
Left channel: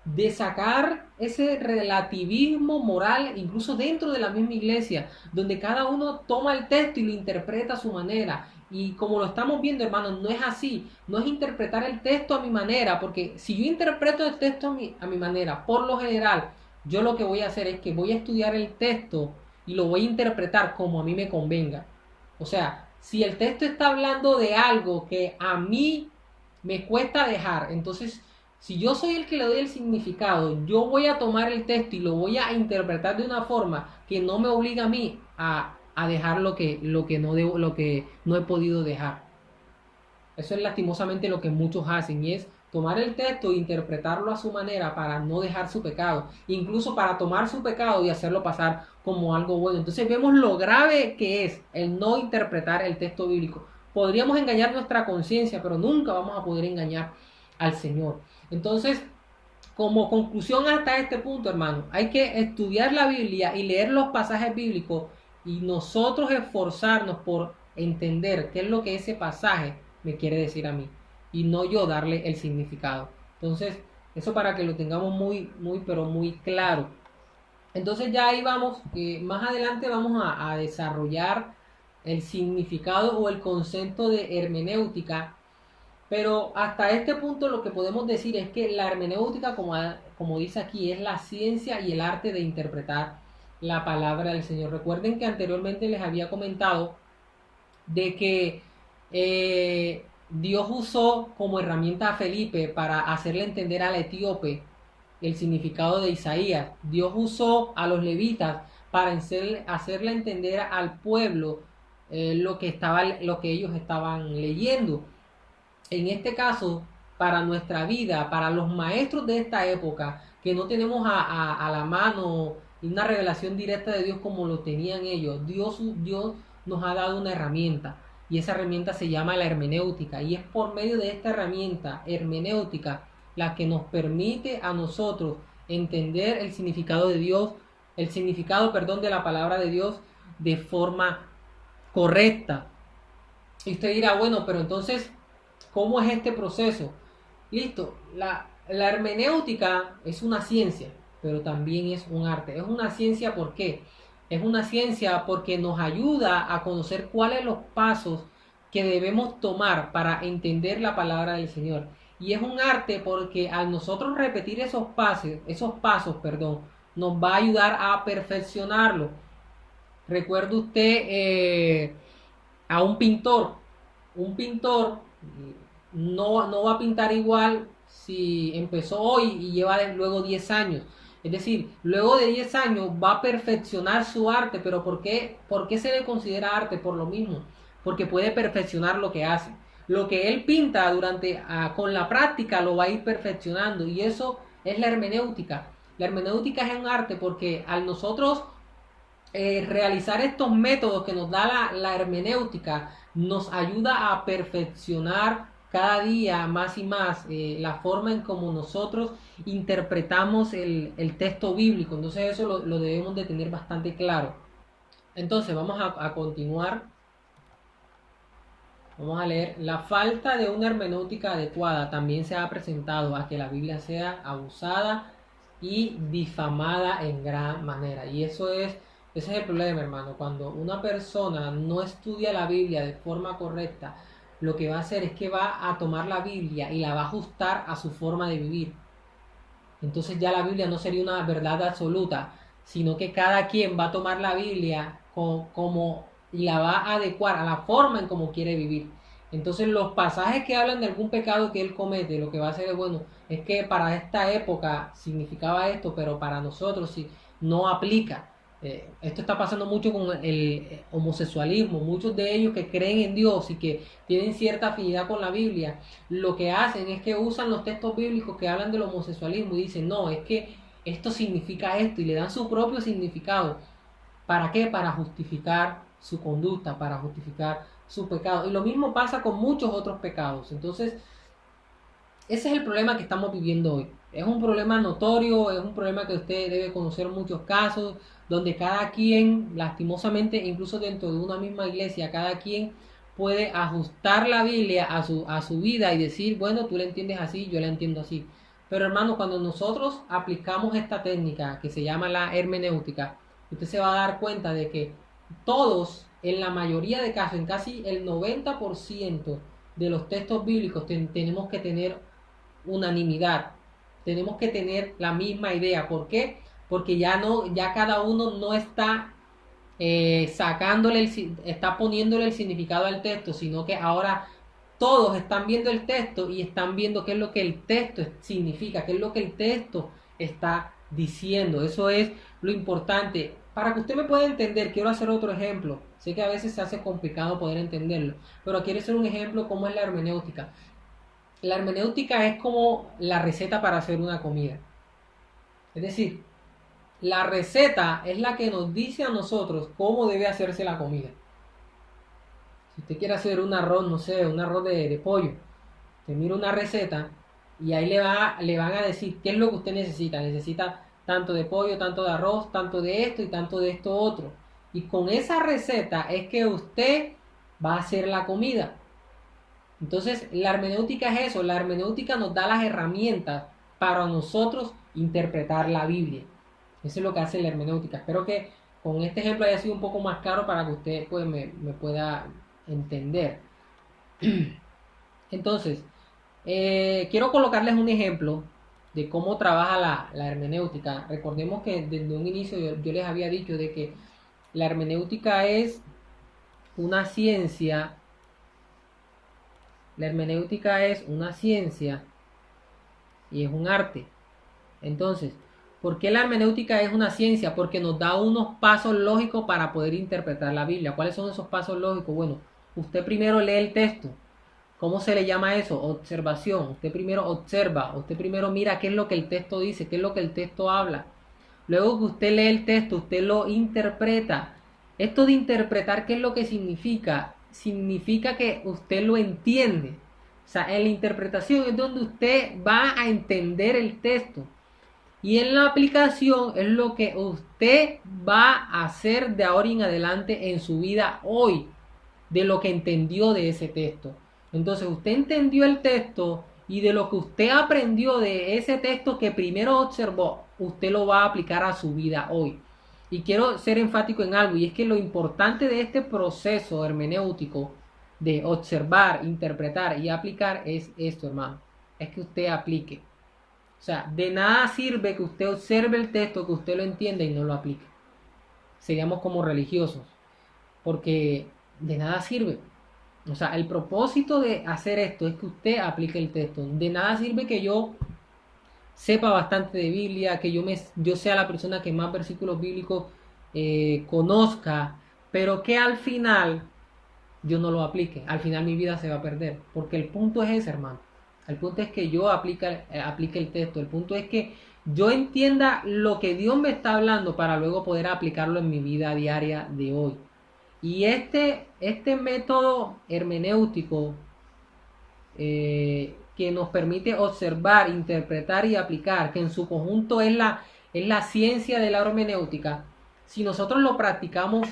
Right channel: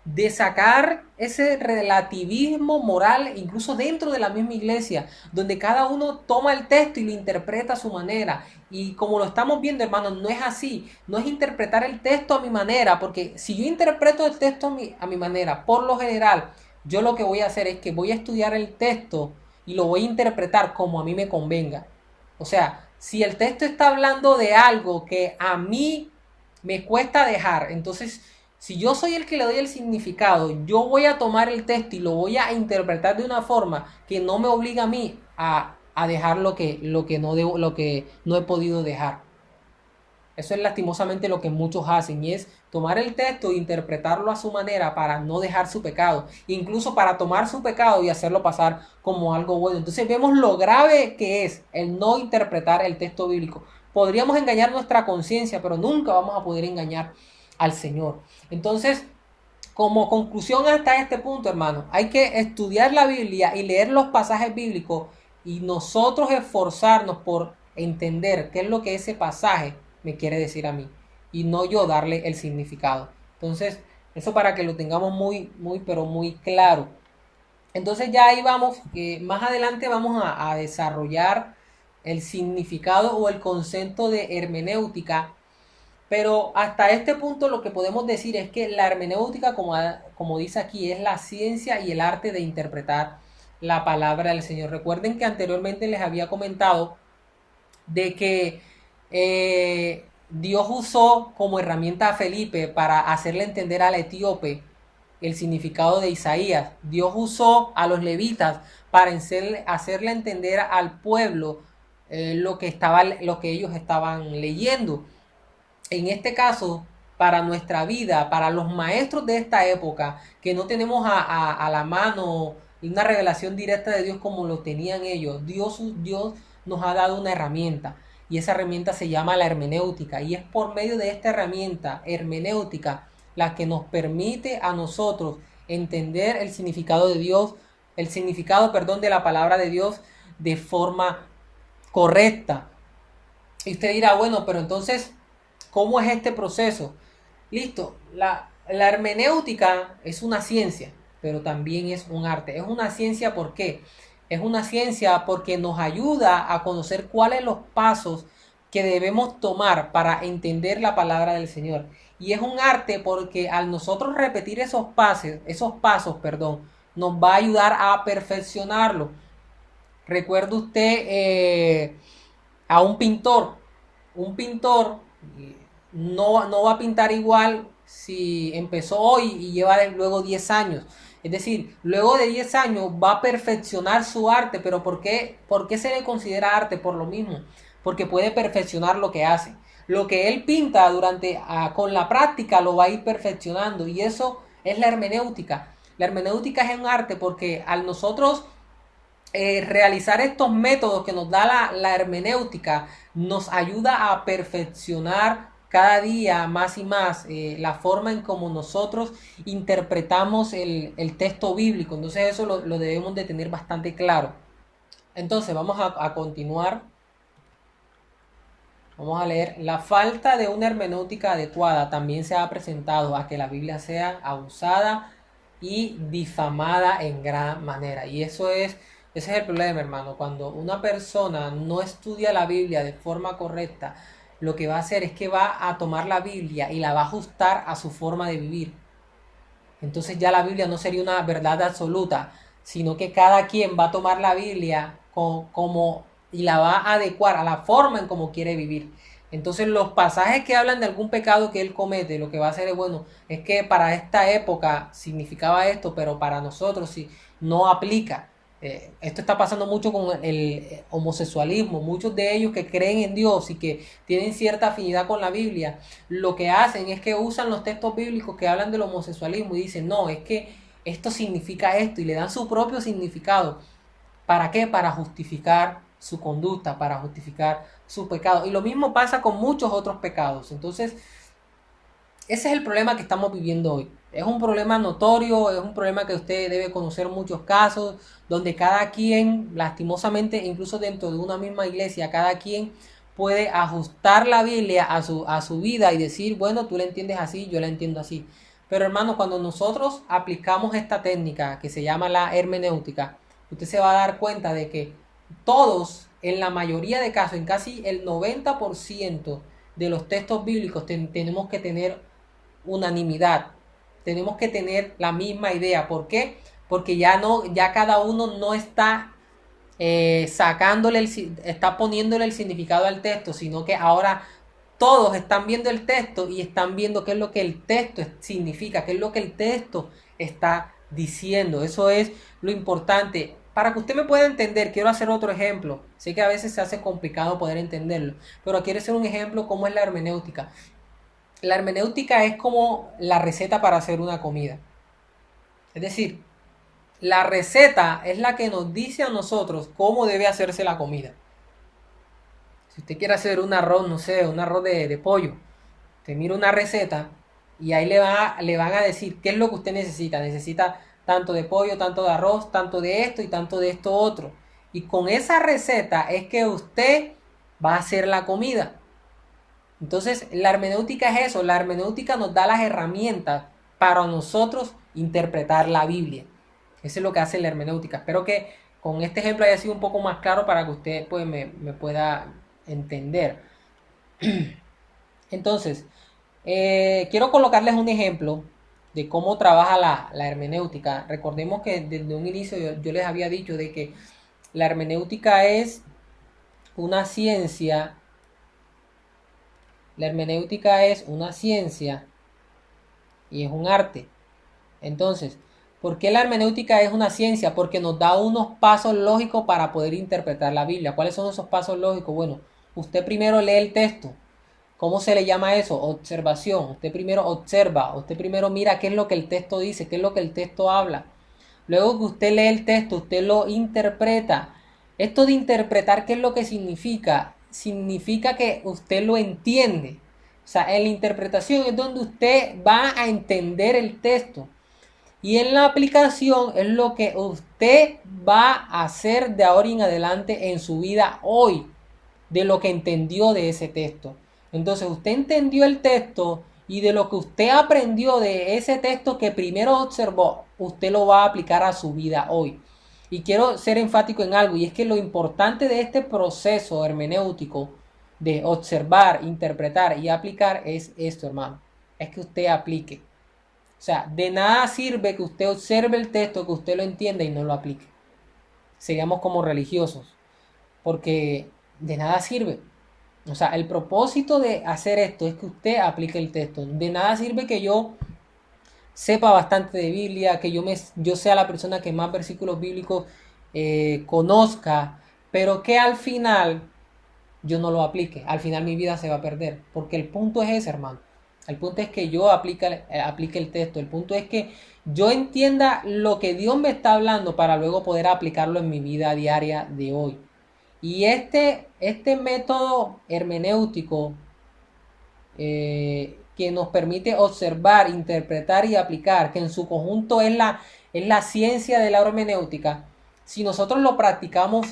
de sacar ese relativismo moral, incluso dentro de la misma iglesia, donde cada uno toma el texto y lo interpreta a su manera. Y como lo estamos viendo, hermanos, no es así. No es interpretar el texto a mi manera, porque si yo interpreto el texto a mi manera, por lo general, yo lo que voy a hacer es que voy a estudiar el texto y lo voy a interpretar como a mí me convenga. O sea, si el texto está hablando de algo que a mí me cuesta dejar, entonces si yo soy el que le doy el significado, yo voy a tomar el texto y lo voy a interpretar de una forma que no me obliga a mí a dejar lo que no he podido dejar. Eso es lastimosamente lo que muchos hacen, y es tomar el texto e interpretarlo a su manera para no dejar su pecado, incluso para tomar su pecado y hacerlo pasar como algo bueno. Entonces vemos lo grave que es el no interpretar el texto bíblico. Podríamos engañar nuestra conciencia, pero nunca vamos a poder engañar al Señor. Entonces, como conclusión hasta este punto, hermano, hay que estudiar la Biblia y leer los pasajes bíblicos y nosotros esforzarnos por entender qué es lo que ese pasaje me quiere decir a mí y no yo darle el significado. Entonces, eso para que lo tengamos pero muy claro. Entonces ya ahí vamos, que más adelante vamos a desarrollar el significado o el concepto de hermenéutica, pero hasta este punto lo que podemos decir es que la hermenéutica, como dice aquí, es la ciencia y el arte de interpretar la palabra del Señor. Recuerden que anteriormente les había comentado de que Dios usó como herramienta a Felipe para hacerle entender al etíope el significado de Isaías. Dios usó a los levitas para hacerle entender al pueblo lo que ellos estaban leyendo. En este caso, para nuestra vida, para los maestros de esta época, que no tenemos a la mano una revelación directa de Dios como lo tenían ellos, Dios nos ha dado una herramienta, y esa herramienta se llama la hermenéutica, y es por medio de esta herramienta hermenéutica la que nos permite a nosotros entender el significado de Dios, el significado, perdón, de la palabra de Dios de forma correcta. Y usted dirá, bueno, pero entonces, ¿cómo es este proceso? Listo, la hermenéutica es una ciencia, pero también es un arte. Es una ciencia, ¿por qué? Es una ciencia porque nos ayuda a conocer cuáles son los pasos que debemos tomar para entender la palabra del Señor. Y es un arte porque al nosotros repetir esos pasos, perdón, nos va a ayudar a perfeccionarlo. Recuerde usted a un pintor. Un pintor no va a pintar igual si empezó hoy y lleva luego 10 años. Es decir, luego de 10 años va a perfeccionar su arte, pero ¿por qué se le considera arte? Por lo mismo, porque puede perfeccionar lo que hace. Lo que él pinta con la práctica lo va a ir perfeccionando y eso es la hermenéutica. La hermenéutica es un arte porque al nosotros realizar estos métodos que nos da la hermenéutica nos ayuda a perfeccionar cada día más y más la forma en como nosotros interpretamos el texto bíblico. Entonces eso lo debemos de tener bastante claro. Entonces vamos a continuar. Vamos a leer. La falta de una hermenéutica adecuada también se ha presentado a que la Biblia sea abusada y difamada en gran manera. Y ese es el problema, hermano. Cuando una persona no estudia la Biblia de forma correcta, lo que va a hacer es que va a tomar la Biblia y la va a ajustar a su forma de vivir. Entonces ya la Biblia no sería una verdad absoluta, sino que cada quien va a tomar la Biblia y la va a adecuar a la forma en cómo quiere vivir. Entonces los pasajes que hablan de algún pecado que él comete, lo que va a hacer es, bueno, es que para esta época significaba esto, pero para nosotros sí no aplica. Esto está pasando mucho con el homosexualismo. Muchos de ellos que creen en Dios y que tienen cierta afinidad con la Biblia, lo que hacen es que usan los textos bíblicos que hablan del homosexualismo y dicen, no, es que esto significa esto y le dan su propio significado. ¿Para qué? Para justificar su conducta, para justificar su pecado. Y lo mismo pasa con muchos otros pecados. Entonces, ese es el problema que estamos viviendo hoy. Es un problema notorio, es un problema que usted debe conocer muchos casos, donde cada quien, lastimosamente, incluso dentro de una misma iglesia, cada quien puede ajustar la Biblia a su vida y decir, bueno, tú la entiendes así, yo la entiendo así. Pero hermano, cuando nosotros aplicamos esta técnica que se llama la hermenéutica, usted se va a dar cuenta de que todos, en la mayoría de casos, en casi el 90% de los textos bíblicos, tenemos que tener unanimidad. Tenemos que tener la misma idea. ¿Por qué? Porque ya cada uno no está está poniéndole el significado al texto, sino que ahora todos están viendo el texto y están viendo qué es lo que el texto significa, qué es lo que el texto está diciendo. Eso es lo importante. Para que usted me pueda entender, quiero hacer otro ejemplo. Sé que a veces se hace complicado poder entenderlo, pero quiero hacer un ejemplo cómo es la hermenéutica. La hermenéutica es como la receta para hacer una comida. Es decir, la receta es la que nos dice a nosotros cómo debe hacerse la comida. Si usted quiere hacer un arroz, no sé, un arroz de pollo, usted mira una receta y ahí le van a decir qué es lo que usted necesita. Necesita tanto de pollo, tanto de arroz, tanto de esto y tanto de esto otro. Y con esa receta es que usted va a hacer la comida. Entonces, la hermenéutica es eso. La hermenéutica nos da las herramientas para nosotros interpretar la Biblia. Eso es lo que hace la hermenéutica. Espero que con este ejemplo haya sido un poco más claro para que usted pues, me pueda entender. Entonces, quiero colocarles un ejemplo de cómo trabaja la hermenéutica. Recordemos que desde un inicio yo les había dicho de que la hermenéutica es una ciencia. La hermenéutica es una ciencia y es un arte. Entonces, ¿por qué la hermenéutica es una ciencia? Porque nos da unos pasos lógicos para poder interpretar la Biblia. ¿Cuáles son esos pasos lógicos? Bueno, usted primero lee el texto. ¿Cómo se le llama eso? Observación. Usted primero observa, usted primero mira qué es lo que el texto dice, qué es lo que el texto habla. Luego que usted lee el texto, usted lo interpreta. Esto de interpretar, ¿qué es lo que significa? Significa que usted lo entiende. O sea, en la interpretación es donde usted va a entender el texto. Y en la aplicación es lo que usted va a hacer de ahora en adelante en su vida hoy, de lo que entendió de ese texto. Entonces usted entendió el texto y de lo que usted aprendió de ese texto que primero observó, usted lo va a aplicar a su vida hoy. Y quiero ser enfático en algo, y es que lo importante de este proceso hermenéutico de observar, interpretar y aplicar es esto, hermano. Es que usted aplique. O sea, de nada sirve que usted observe el texto, que usted lo entienda y no lo aplique. Seríamos como religiosos, porque de nada sirve. O sea, el propósito de hacer esto es que usted aplique el texto. De nada sirve que yo sepa bastante de Biblia, que yo sea la persona que más versículos bíblicos conozca, pero que al final yo no lo aplique. Al final mi vida se va a perder. Porque el punto es ese, hermano. El punto es que yo aplique el texto. El punto es que yo entienda lo que Dios me está hablando para luego poder aplicarlo en mi vida diaria de hoy. Y este método hermenéutico que nos permite observar, interpretar y aplicar, que en su conjunto es la ciencia de la hermenéutica, si nosotros lo practicamos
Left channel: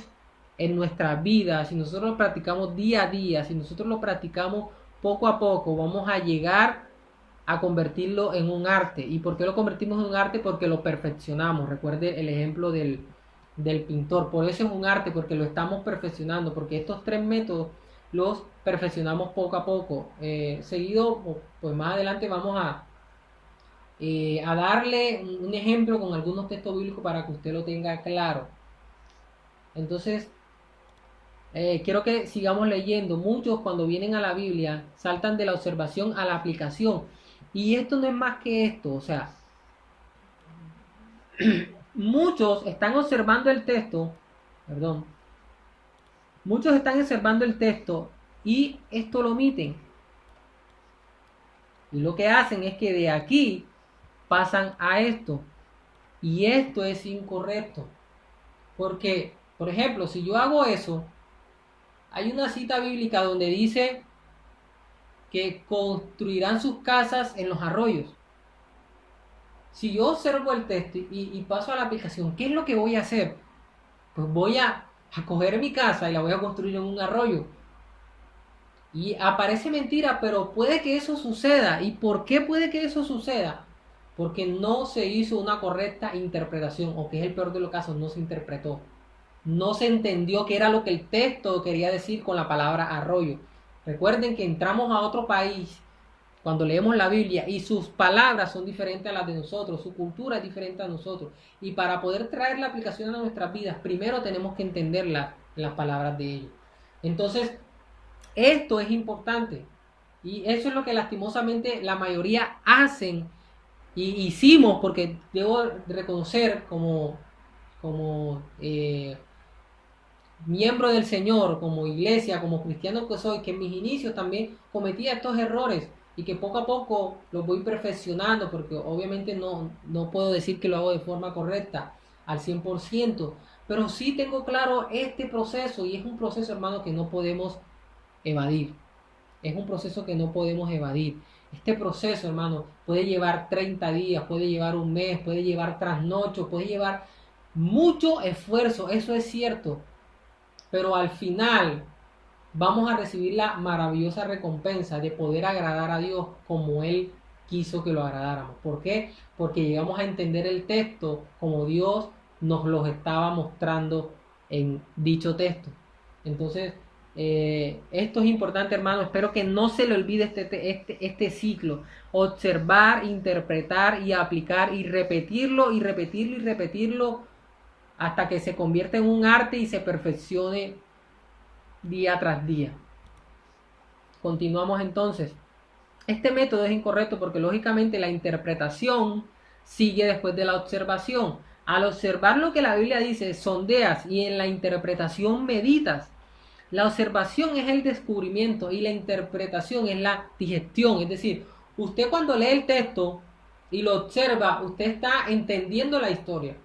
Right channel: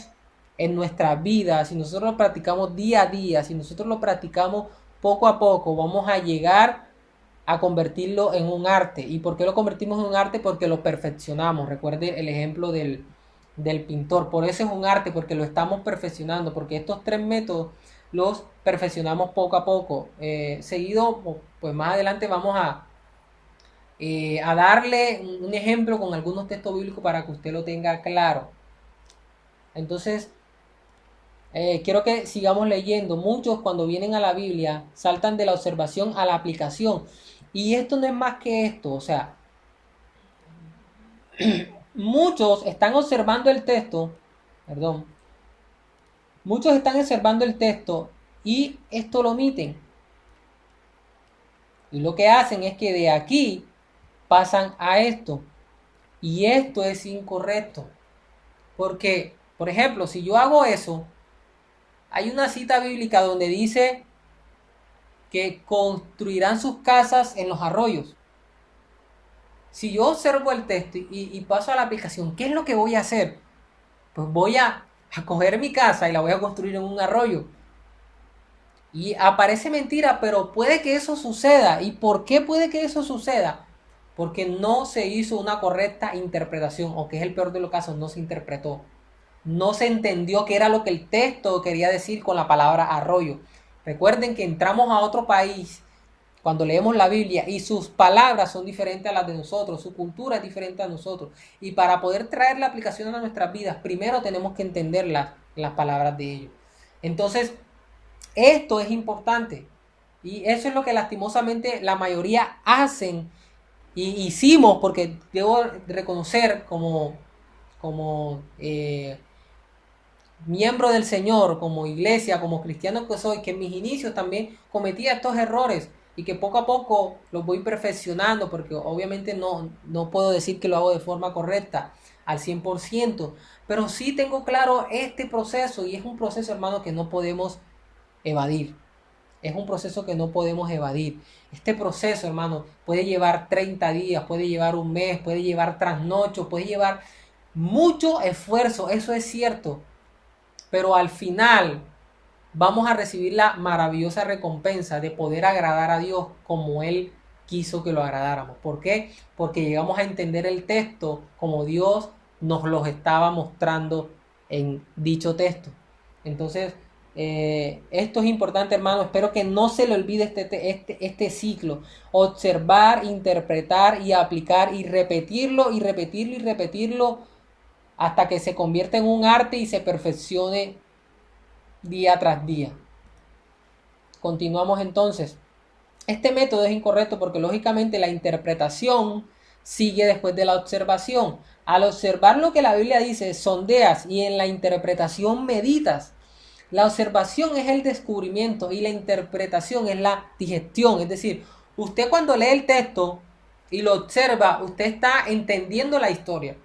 en nuestra vida, si nosotros lo practicamos día a día, si nosotros lo practicamos poco a poco, vamos a llegar a convertirlo en un arte. ¿Y por qué lo convertimos en un arte? Porque lo perfeccionamos. Recuerde el ejemplo del pintor. Por eso es un arte, porque lo estamos perfeccionando, porque estos tres métodos los perfeccionamos poco a poco. Seguido, pues más adelante vamos a darle un ejemplo con algunos textos bíblicos para que usted lo tenga claro. Entonces, quiero que sigamos leyendo. Muchos cuando vienen a la Biblia saltan de la observación a la aplicación. Y esto no es más que esto. O sea, muchos están observando el texto, perdón, muchos están observando el texto y esto lo omiten. Y lo que hacen es que de aquí pasan a esto. Y esto es incorrecto. Porque, por ejemplo, si yo hago eso, hay una cita bíblica donde dice que construirán sus casas en los arroyos. Si yo observo el texto y paso a la aplicación, ¿qué es lo que voy a hacer? Pues voy a coger mi casa y la voy a construir en un arroyo. Y aparece mentira, pero puede que eso suceda. ¿Y por qué puede que eso suceda? Porque no se hizo una correcta interpretación, o que es el peor de los casos, no se interpretó. No se entendió qué era lo que el texto quería decir con la palabra arroyo. Recuerden que entramos a otro país cuando leemos la Biblia y sus palabras son diferentes a las de nosotros, su cultura es diferente a nosotros. Y para poder traer la aplicación a nuestras vidas, primero tenemos que entender las palabras de ellos. Entonces, esto es importante. Y eso es lo que lastimosamente la mayoría hacen y hicimos, porque debo reconocer como miembro del Señor, como iglesia, como cristiano que soy, que en mis inicios también cometía estos errores y que poco a poco los voy perfeccionando, porque obviamente no puedo decir que lo hago de forma correcta al 100%, pero sí tengo claro este proceso y es un proceso, hermano, que no podemos evadir. Es un proceso que no podemos evadir. Este proceso, hermano, puede llevar 30 días, puede llevar un mes, puede llevar trasnocho, puede llevar mucho esfuerzo, eso es cierto. Pero al final vamos a recibir la maravillosa recompensa de poder agradar a Dios como Él quiso que lo agradáramos. ¿Por qué? Porque llegamos a entender el texto como Dios nos los estaba mostrando en dicho texto. Entonces, esto es importante, hermano. Espero que no se le olvide este ciclo. Observar, interpretar y aplicar y repetirlo y repetirlo y repetirlo hasta que se convierta en un arte y se perfeccione día tras día. Continuamos entonces. Este método es incorrecto porque lógicamente la interpretación sigue después de la observación. Al observar lo que la Biblia dice, sondeas y en la interpretación meditas. La observación es el descubrimiento y la interpretación es la digestión. Es decir, usted cuando lee el texto y lo observa, usted está entendiendo la historia.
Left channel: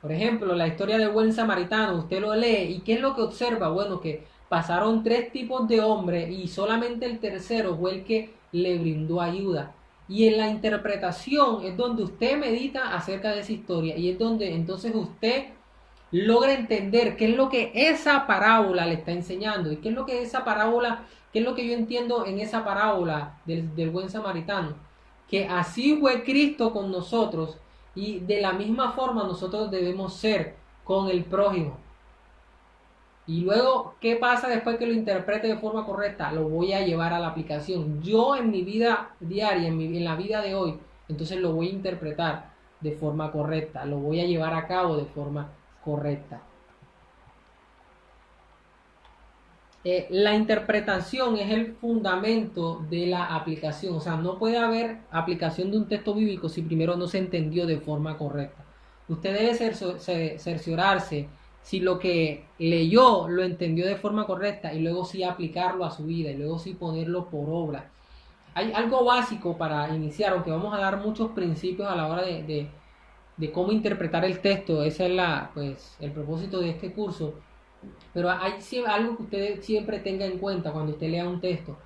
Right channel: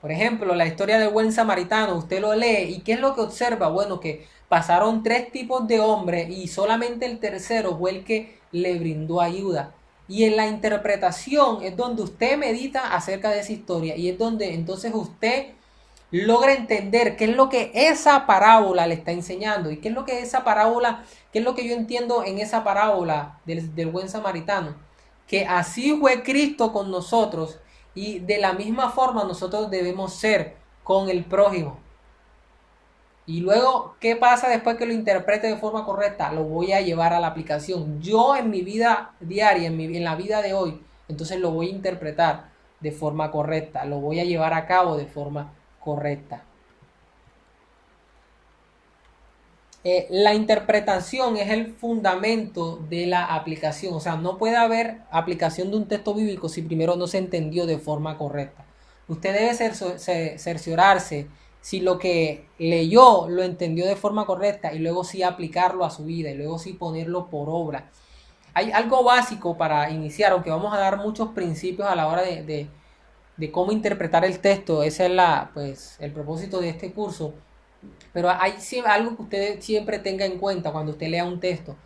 Por ejemplo, la historia del buen samaritano, usted lo lee y ¿qué es lo que observa? Bueno, que pasaron 3 tipos de hombres y solamente el tercero fue el que le brindó ayuda. Y en la interpretación es donde usted medita acerca de esa historia y es donde entonces usted logra entender qué es lo que esa parábola le está enseñando y qué es lo que esa parábola, qué es lo que yo entiendo en esa parábola del buen samaritano. Que así fue Cristo con nosotros y de la misma forma nosotros debemos ser con el prójimo. Y luego, ¿qué pasa después que lo interprete de forma correcta? Lo voy a llevar a la aplicación. Yo en mi vida diaria, en la vida de hoy, entonces lo voy a interpretar de forma correcta. Lo voy a llevar a cabo de forma correcta. La interpretación es el fundamento de la aplicación. O sea, no puede haber aplicación de un texto bíblico si primero no se entendió de forma correcta. Usted debe cerciorarse si lo que leyó lo entendió de forma correcta y luego sí aplicarlo a su vida y luego sí ponerlo por obra. Hay algo básico para iniciar, aunque vamos a dar muchos principios a la hora de cómo interpretar el texto. Ese es pues, el propósito de este curso. Pero hay algo que usted siempre tenga en cuenta cuando usted lea un texto.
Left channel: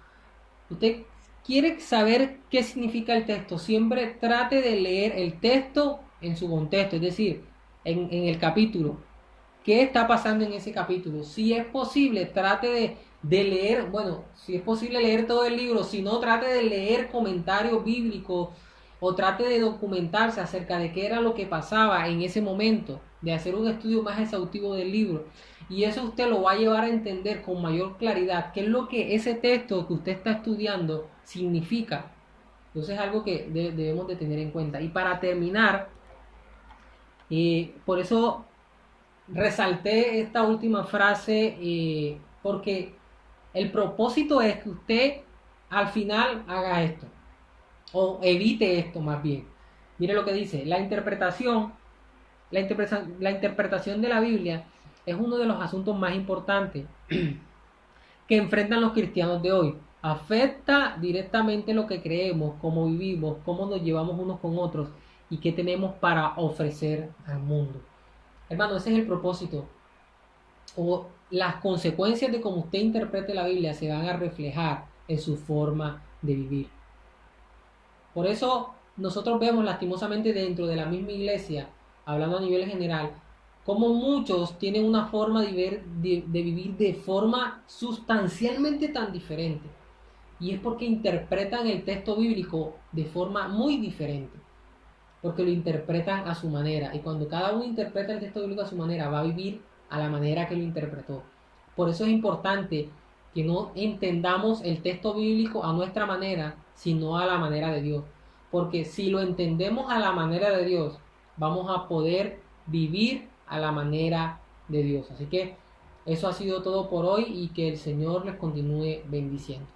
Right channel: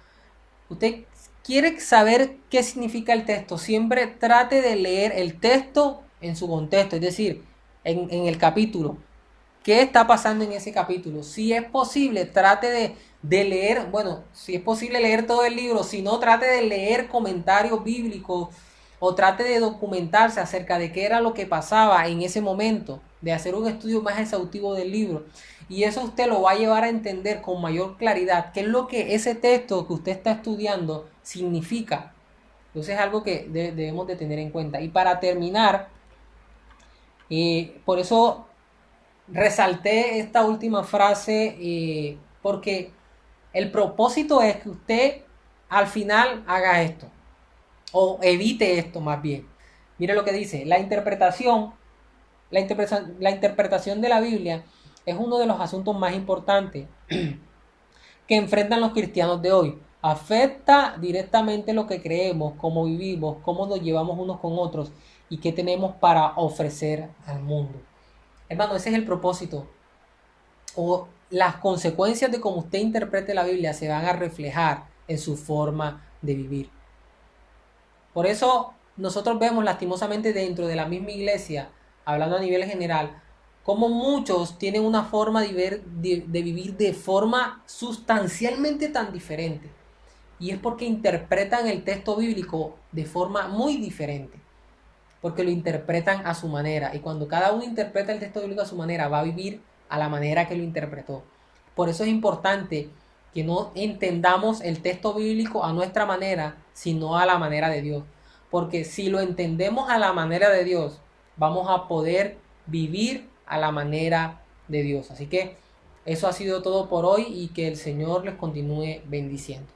Usted quiere saber qué significa el texto. Siempre trate de leer el texto en su contexto, es decir, en el capítulo. ¿Qué está pasando en ese capítulo? Si es posible, trate de leer, bueno, si es posible leer todo el libro, si no, trate de leer comentarios bíblicos o trate de documentarse acerca de qué era lo que pasaba en ese momento, de hacer un estudio más exhaustivo del libro. Y eso usted lo va a llevar a entender con mayor claridad qué es lo que ese texto que usted está estudiando significa. Entonces es algo que debemos de tener en cuenta. Y para terminar, por eso resalté esta última frase, porque el propósito es que usted al final haga esto, o evite esto más bien. Mire lo que dice, la interpretación de la Biblia es uno de los asuntos más importantes que enfrentan los cristianos de hoy. Afecta directamente lo que creemos, cómo vivimos, cómo nos llevamos unos con otros y qué tenemos para ofrecer al mundo. Hermano, ese es el propósito. O las consecuencias de cómo usted interprete la Biblia se van a reflejar en su forma de vivir. Por eso nosotros vemos lastimosamente dentro de la misma iglesia, hablando a nivel general, como muchos tienen una forma de vivir de forma sustancialmente tan diferente. Y es porque interpretan el texto bíblico de forma muy diferente. Porque lo interpretan a su manera. Y cuando cada uno interpreta el texto bíblico a su manera, va a vivir a la manera que lo interpretó. Por eso es importante que no entendamos el texto bíblico a nuestra manera, sino a la manera de Dios. Porque si lo entendemos a la manera de Dios, vamos a poder vivir a la manera de Dios. Así que eso ha sido todo por hoy y que el Señor les continúe bendiciendo.